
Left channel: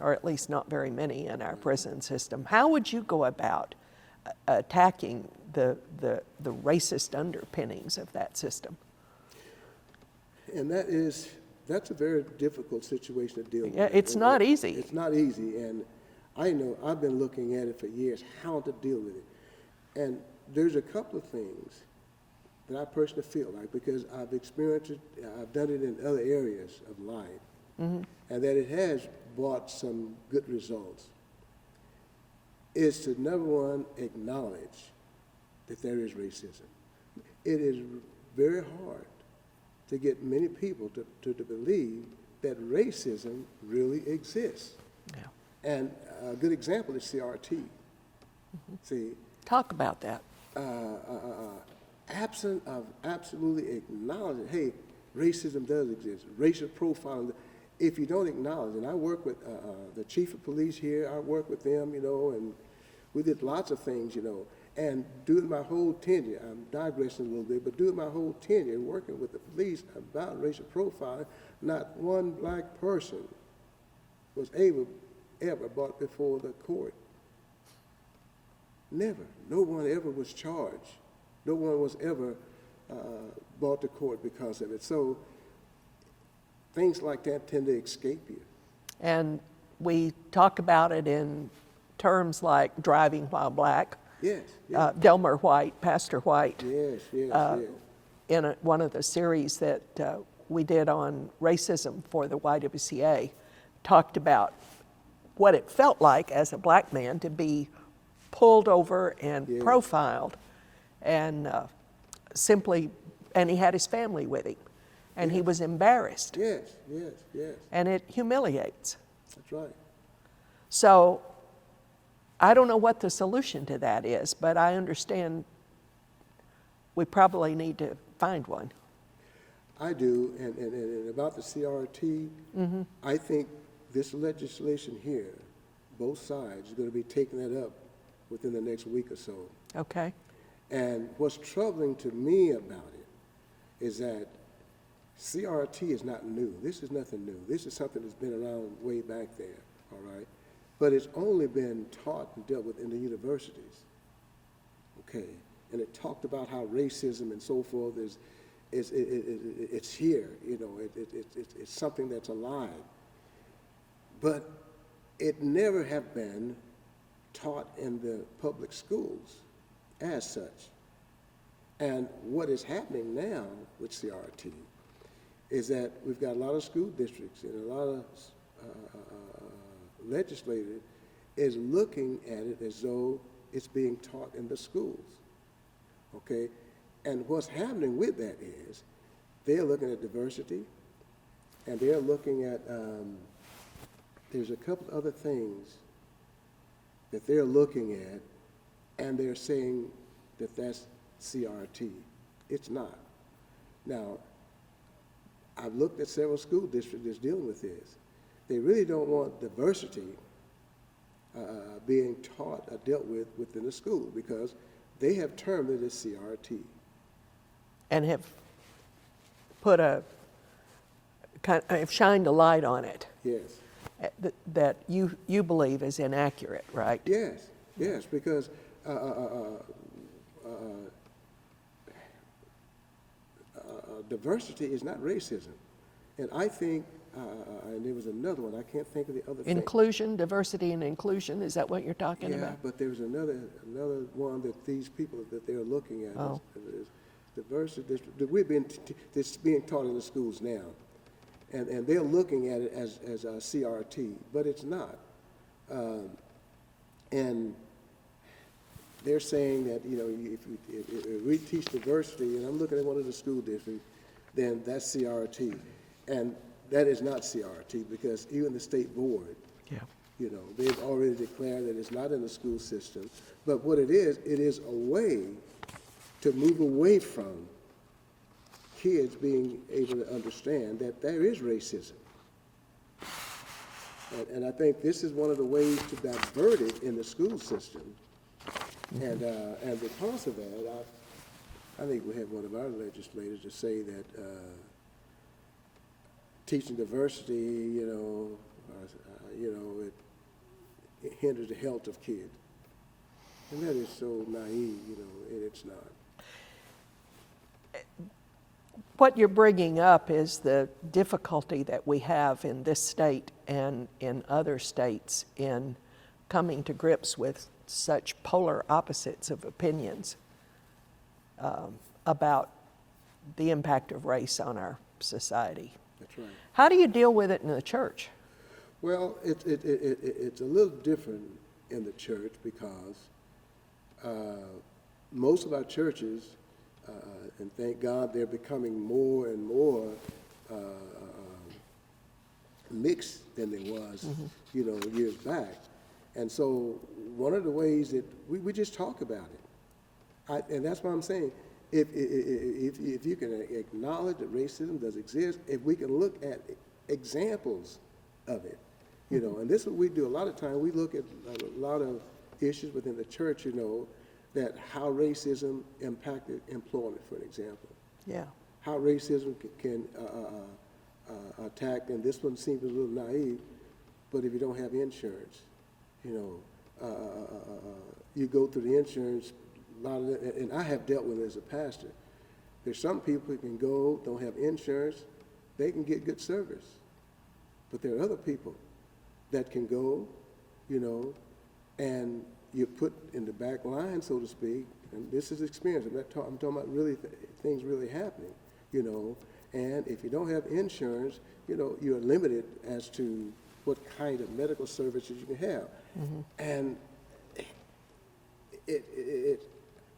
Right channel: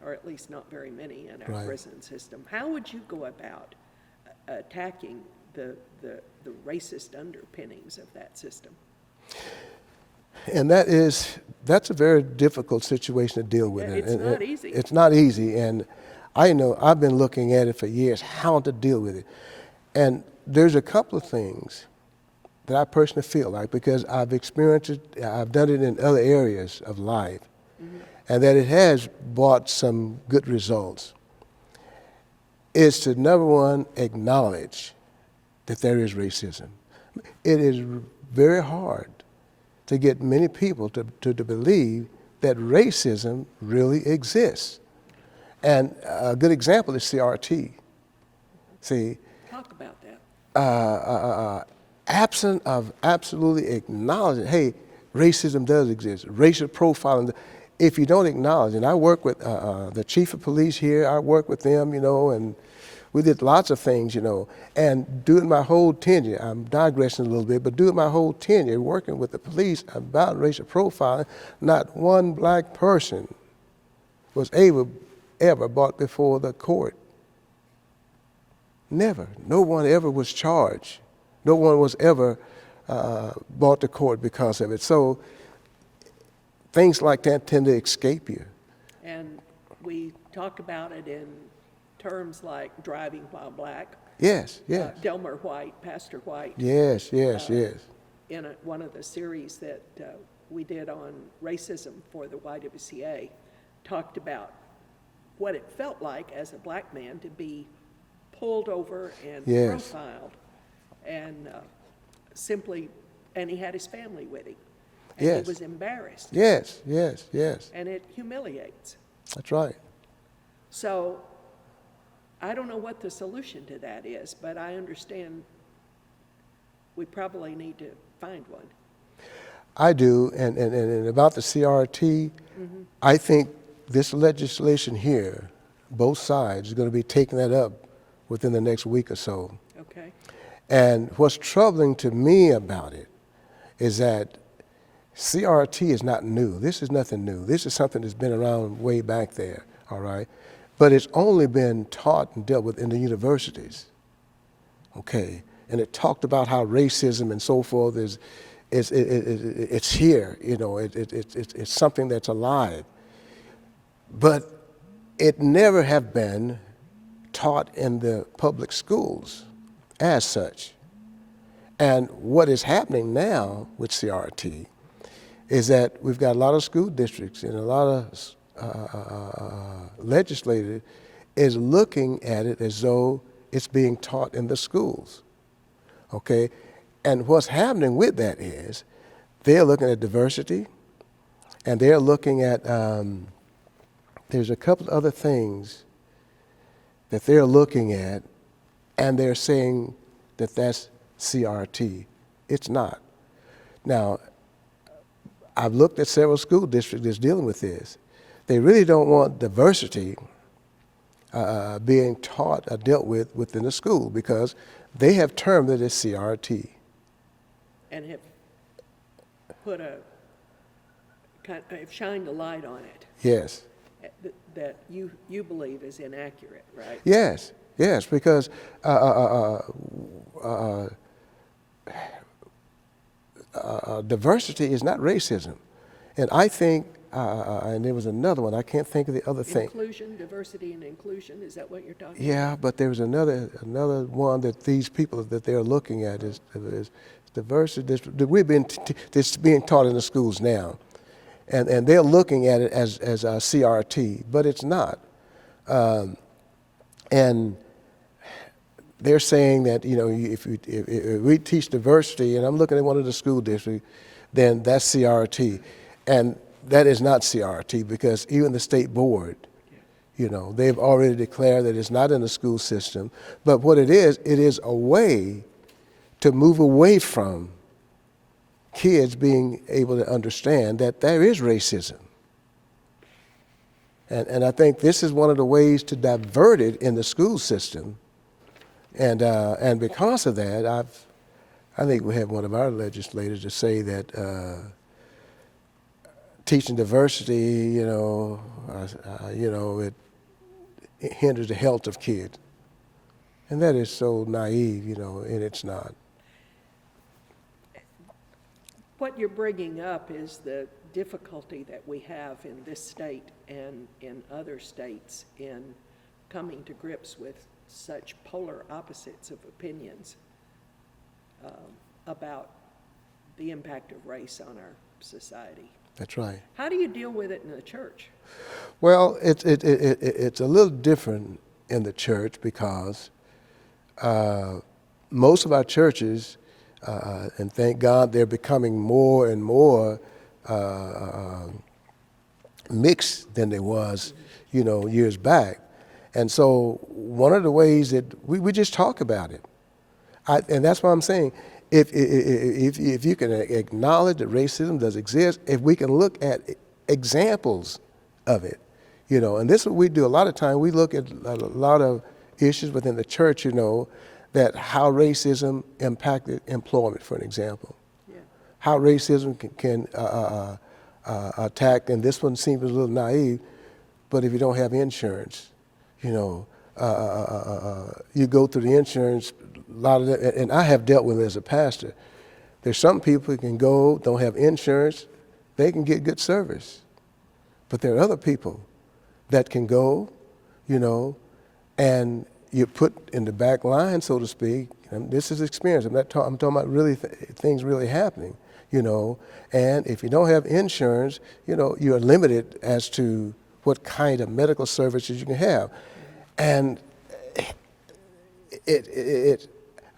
or at least not very many in our prison system. How would you go about attacking the racist underpinnings of that system? And that is that's a very difficult situation to deal with. Yeah, it's not easy. It's not easy, and I know I've been looking at it for years, how to deal with it. And there's a couple of things that I personally feel like, because I've experienced it, I've done it in other areas of life, and that it has brought some good results, is to, number one, acknowledge that there is racism. It is very hard to get many people to believe that racism really exists. And a good example is CRT. See, Talk about that. Absent of absolutely acknowledging, hey, racism does exist, racial profiling. If you don't acknowledge, and I work with the chief of police here, I work with them, you know, and we did lots of things, you know. And during my whole tenure, I'm digressing a little bit, but during my whole tenure working with the police about racial profiling, not one black person was ever brought before the court. Never. No one ever was charged. No one was ever brought to court because of it. So things like that tend to escape you. And we talk about it in terms like driving while black. Yes, yes. Delmer White, Pastor White. Yes, yes, yes. In one of the series that we did on racism for the YWCA, talked about what it felt like as a black man to be pulled over and Yes. profiled, and and he had his family with him, and he Yes. was embarrassed, Yes, yes, yes. and it humiliates. That's right. So I don't know what the solution to that is, but I understand we probably need to find one. I do, and about the CRT, I think this legislation here, both sides, is going to be taking that up within the next week or so. Okay. And what's troubling to me about it is that CRT is not new. This is nothing new. This is something that's been around way back there, all right? But it's only been taught and dealt with in the universities, okay? And it talked about how racism and so forth it's here, you know, it's something that's alive. But it never have been taught in the public schools as such. And what is happening now with CRT is that we've got a lot of school districts and a lot of legislators is looking at it as though it's being taught in the schools, okay? And what's happening with that is they're looking at diversity, and they're looking at, there's a couple other things that they're looking at, and they're saying that that's CRT. It's not. Now, I've looked at several school districts that's dealing with this. They really don't want diversity being taught or dealt with within the school because they have termed it as CRT. And have put have shined a light on it. Yes. That you believe is inaccurate, right? Yes, yes, because diversity is not racism. And I think, and there was another one, I can't think of the other thing. Inclusion, diversity and inclusion, is that what you're talking about? Yeah, but there was another one that these people that they're looking at is diversity. This being taught in the schools now. And they're looking at it as CRT, but it's not. And they're saying that, you know, if we teach diversity, and I'm looking at one of the school districts, then that's CRT. And that is not CRT because even the state board, you know, they've already declared that it's not in the school system. But what it is a way to move away from kids being able to understand that there is racism. And I think this is one of the ways to divert it in the school system. And because of that, I think we have one of our legislators to say that teaching diversity, you know, it hinders the health of kids. And that is so naive, you know, and it's not. What you're bringing up is the difficulty that we have in this state and in other states in coming to grips with such polar opposites of opinions about the impact of race on our society. That's right. How do you deal with it in the church? Well, it's a little different in the church because most of our churches, and thank God they're becoming more and more mixed than they was, years back. And so one of the ways that we just talk about it, and that's what I'm saying. If you can acknowledge that racism does exist, if we can look at examples of it, and this is what we do. A lot of time we look at a lot of issues within the church, that how racism impacted employment, for an example. Yeah. How racism can attack, and this one seems a little naive, but if you don't have insurance, you go through the insurance, a lot of that, and I have dealt with it as a pastor. There's some people who can go, don't have insurance, they can get good service. But there are other people that can go, and you're put in the back line, so to speak. And this is experience. I'm talking about really things really happening, And if you don't have insurance, you're limited as to what kind of medical services you can have. Mm-hmm. And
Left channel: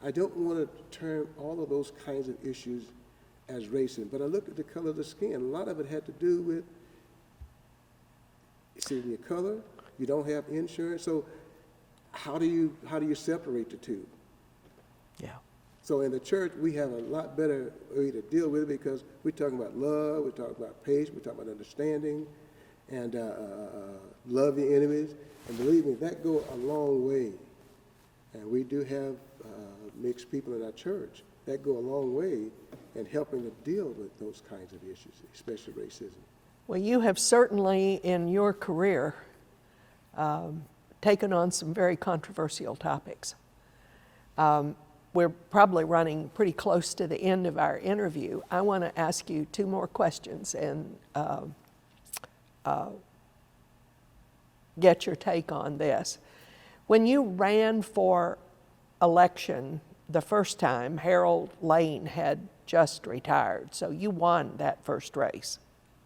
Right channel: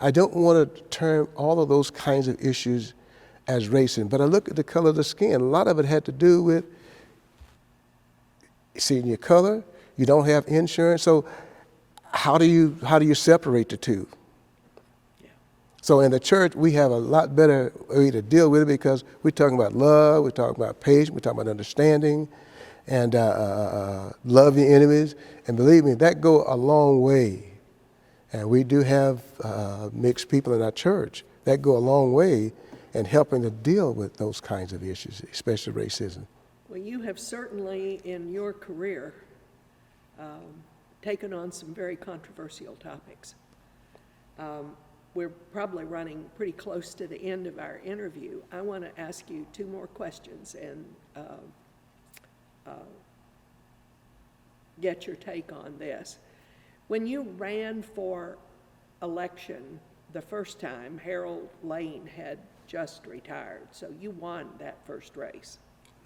I don't want to term all of those kinds of issues as racism, but I look at the color of the skin. A lot of it had to do with seeing your color. You don't have insurance, so how do you separate the two? Yeah. So in the church, we have a lot better way to deal with it because we're talking about love, we're talking about patience, we're talking about understanding, and love your enemies. And believe me, that go a long way. And we do have mixed people in our church that go a long way in helping to deal with those kinds of issues, especially racism. Well, you have certainly in your career taken on some very controversial topics. We're probably running pretty close to the end of our interview. I want to ask you two more questions and get your take on this. When you ran for election the first time, Harold Lane had just retired, so you won that first race.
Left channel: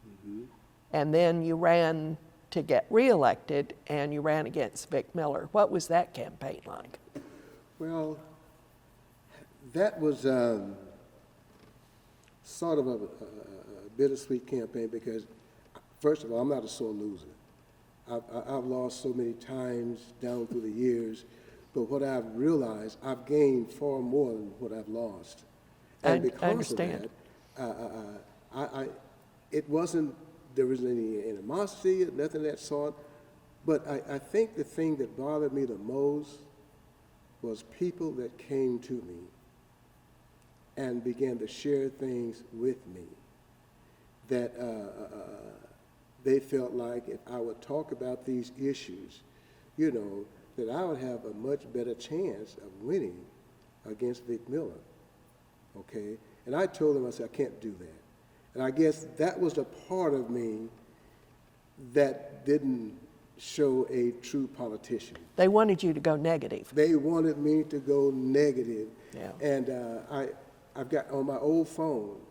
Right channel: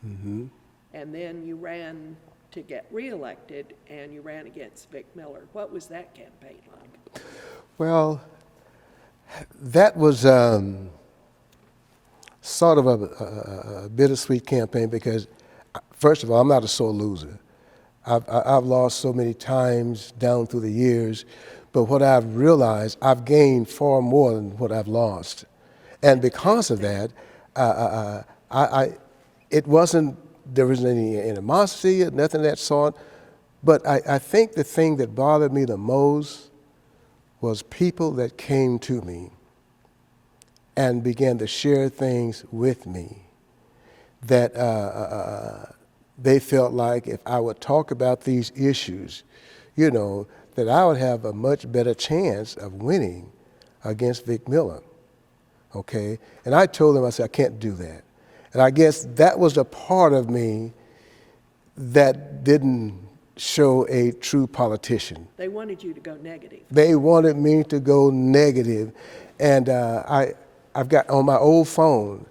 Mm-hmm. And then you ran to get reelected, and you ran against Vic Miller. What was that campaign like? Well, that was sort of a bittersweet campaign because, first of all, I'm not a sore loser. I've lost so many times down through the years, but what I've realized, I've gained far more than what I've lost. And because of that, it wasn't, there wasn't any animosity, nothing of that sort, but I think the thing that bothered me the most was people that came to me and began to share things with me that they felt like if I would talk about these issues, that I would have a much better chance of winning against Vic Miller, okay? And I told them, I said, I can't do that. And I guess that was the part of me that didn't show a true politician. They wanted you to go negative. They wanted me to go negative. Yeah. And I've got, on my old phone,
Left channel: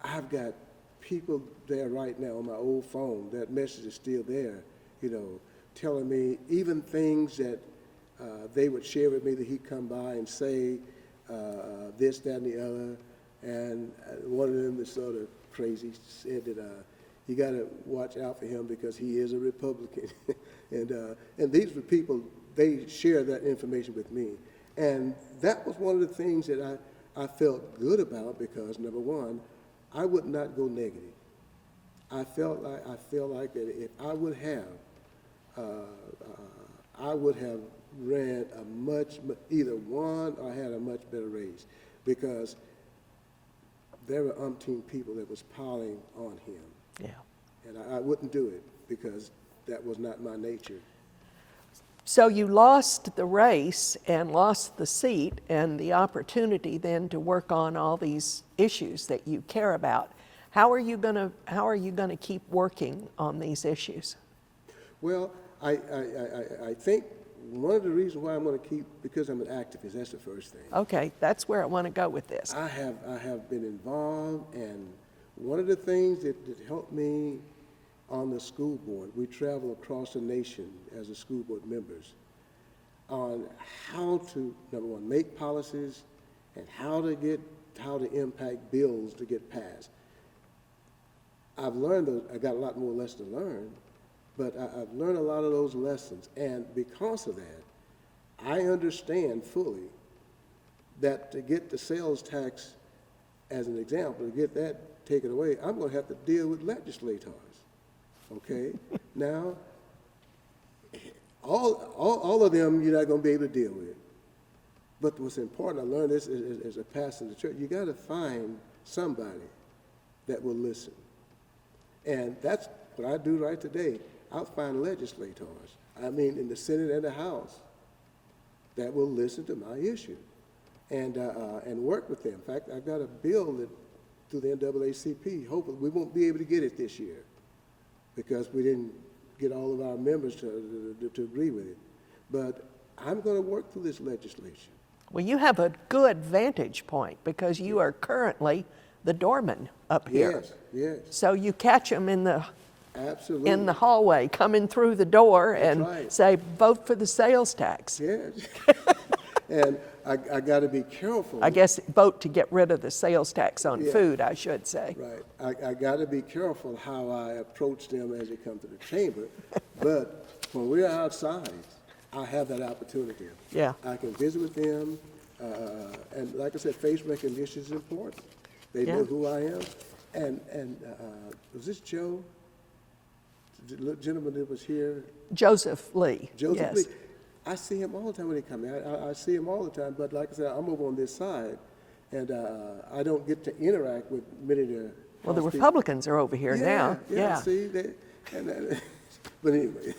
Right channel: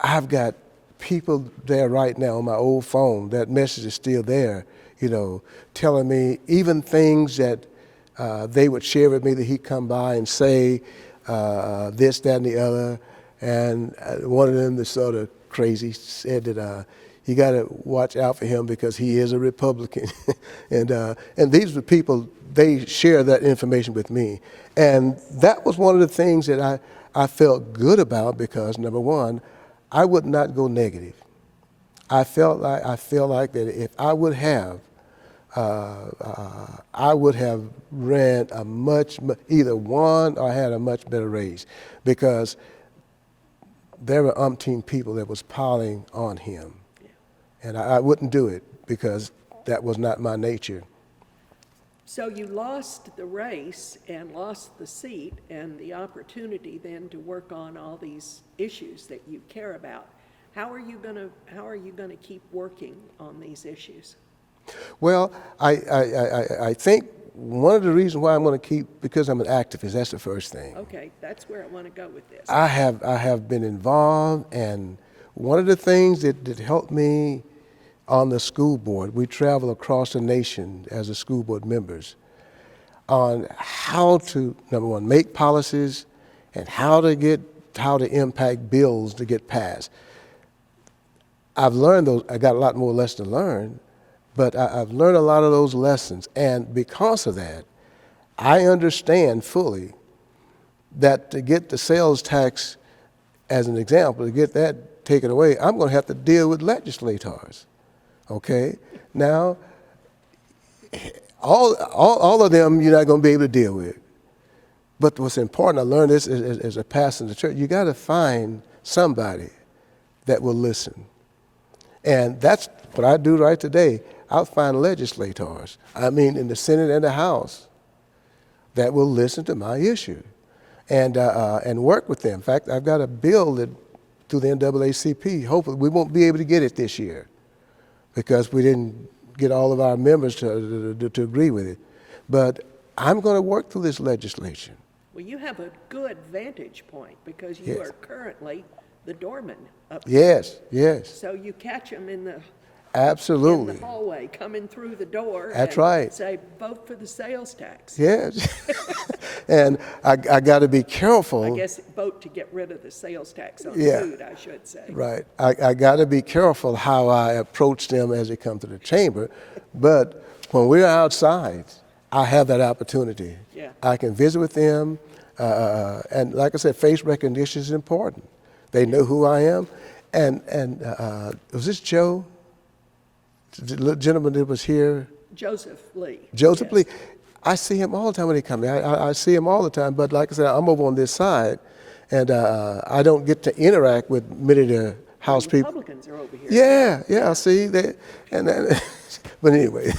I've got people there right now on my old phone, that message is still there, telling me even things that they would share with me that he'd come by and say this, that, and the other. And one of them, the sort of crazy, said that you got to watch out for him because he is a Republican. and these were people, they share that information with me. And that was one of the things that I felt good about because, number one, I would not go negative. I feel like that if I would have, ran a either won or had a much better race because there were umpteen people that was piling on him. Yeah. And I wouldn't do it because that was not my nature. So you lost the race and lost the seat and the opportunity then to work on all these issues that you care about. How are you gonna keep working on these issues? Well, I think one of the reasons why I'm going to keep, because I'm an activist, that's the first thing. Okay, that's where I want to go with this. I have been involved, and one of the things that helped me on the school board, we travel across the nation as a school board members on how to, number one, make policies and how to impact bills to get passed. I've learned those, I got a lot more lessons to learn, but I've learned a lot of those lessons, and because of that, I understand fully that to get the sales tax, as an example, to get that taken away, I'm going to have to deal with legislators, okay? Now, all of them you're not going to be able to deal with, but what's important, I learned this as a pastor in the church, you got to find somebody that will listen, and that's what I do right today. I'll find legislators, I mean in the Senate and the House, that will listen to my issue and work with them. In fact, I've got a bill that through the NAACP, hopefully we won't be able to get it this year because we didn't get all of our members to agree with it. But I'm going to work through this legislation. Well, you have a good vantage point because you Yes. are currently the doorman up here. Yes, yes, So you catch them in the absolutely. hallway coming through the door That's and right. say, vote for the sales tax. Yes, and I got to be careful. I guess vote to get rid of the sales tax on Yeah. food, I should say. Right. I got to be careful how I approach them as they come to the chamber. But when we're outside, I have that opportunity. Yeah. I can visit with them. And like I said, face recognition is important. They know who I am. And was this Joe? The gentleman that was here? Joseph Lee. Joseph yes. Lee. I see him all the time when he comes. I see him all the time, but like I said, I'm over on this side, and I don't get to interact with many of the House The people. Republicans are over here Yeah, now. yeah, see, but anyway.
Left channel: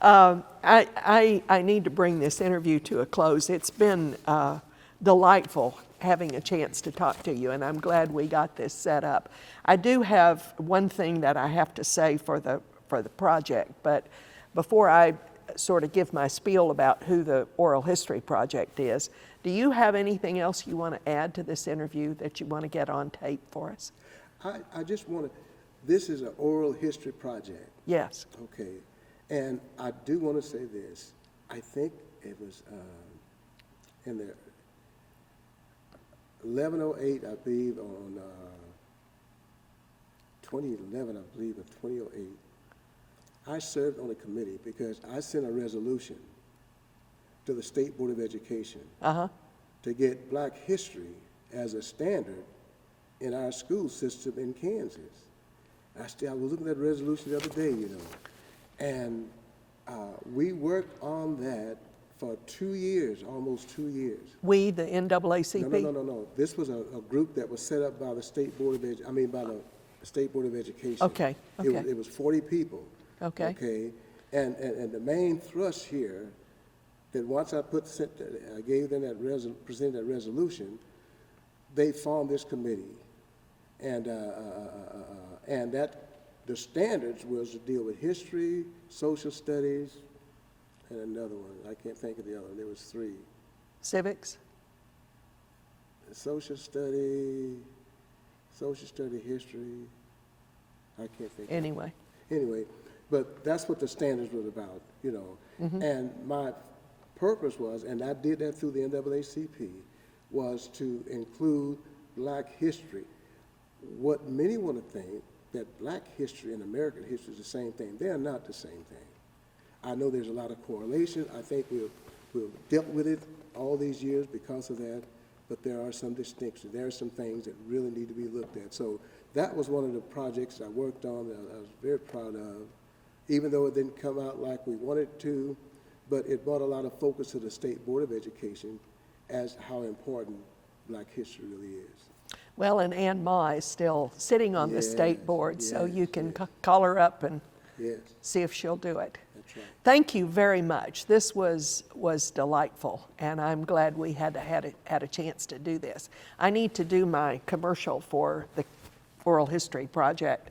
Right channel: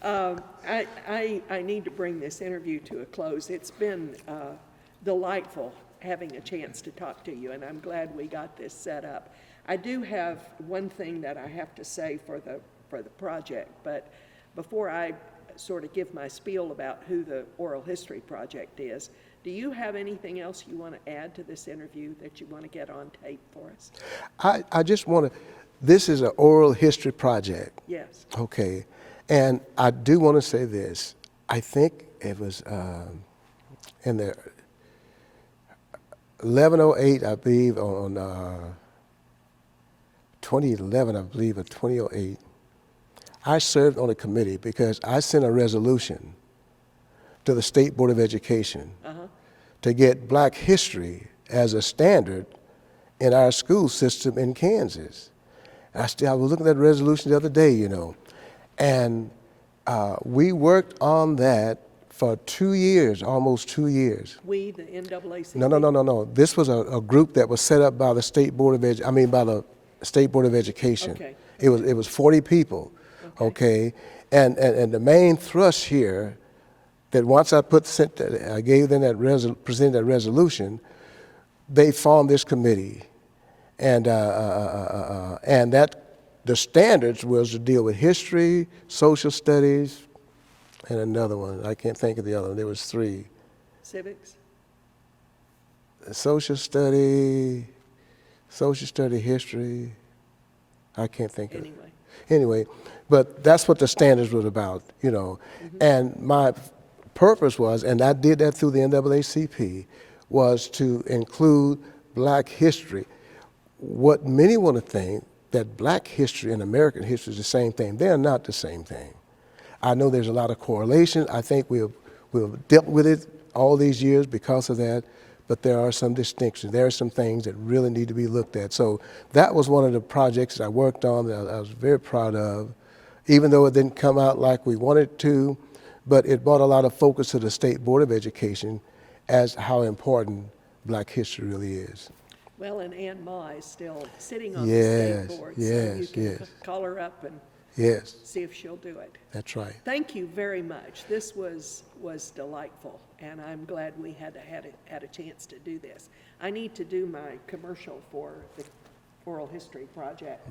I need to bring this interview to a close. It's been delightful having a chance to talk to you, and I'm glad we got this set up. I do have one thing that I have to say for the project, but before I sort of give my spiel about who the Oral History Project is, do you have anything else you want to add to this interview that you want to get on tape for us? I just want to, this is an oral history project. Yes. Okay, and I do want to say this. I think it was in the 1108, I believe, on 2011, I believe, or 2008, I served on a committee because I sent a resolution to the State Board of Education to get Black history as a standard in our school system in Kansas. I was looking at that resolution the other day, you know, and we worked on that for 2 years, almost 2 years. We, the NAACP? No. This was a group that was set up by the State Board of by the State Board of Education. Okay. It was 40 people. Okay. And the main thrust here, that once I gave them presented that resolution, they formed this committee, and that the standards was to deal with history, social studies, and another one. I can't think of the other one. There was 3. Civics? Social study, history. I can't think of it. Anyway, but that's what the standards was about, you know. And my purpose was, and I did that through the NAACP, was to include Black history. What many want to think that Black history and American history is the same thing. They are not the same thing. I know there's a lot of correlation. I think we've dealt with it all these years because of that, but there are some distinctions. There are some things that really need to be looked at. So that was one of the projects that I worked on that I was very proud of, even though it didn't come out like we wanted to, but it brought a lot of focus to the State Board of Education as how important Black history really is. Well, and Ann Ma is still sitting on the state board, so you can call her up and Yes, See if she'll do it. that's right. Thank you very much. This was delightful, and I'm glad we had a chance to do this. I need to do my commercial for the Oral History Project.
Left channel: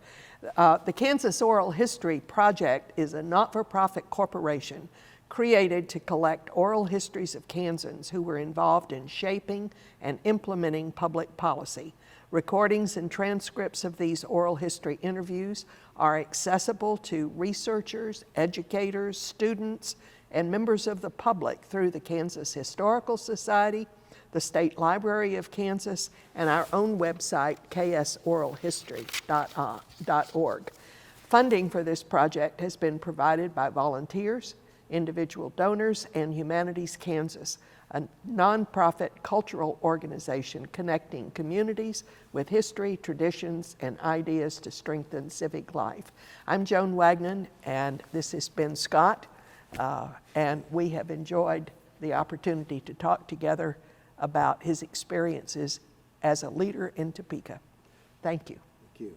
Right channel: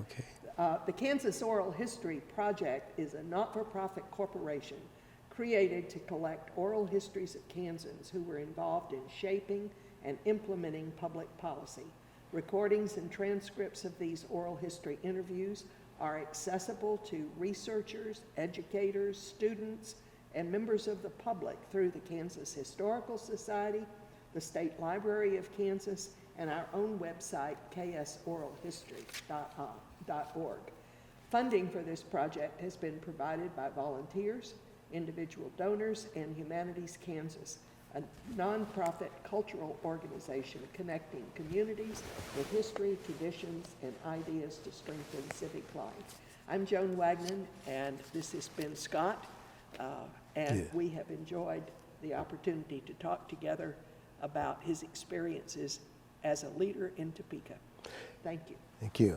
The Kansas Oral History Project is a not-for-profit corporation created to collect oral histories of Kansans who were involved in shaping and implementing public policy. Recordings and transcripts of these oral history interviews are accessible to researchers, educators, students, and members of the public through the Kansas Historical Society, the State Library of Kansas, and our own website, ksoralhistory.org. Funding for this project has been provided by volunteers, individual donors, and Humanities Kansas, a nonprofit cultural organization connecting communities with history, traditions, and ideas to strengthen civic life. I'm Joan Wagnon, and this has been Scott, and we have enjoyed the opportunity to talk together about his experiences as a leader in Topeka. Thank you. Thank you.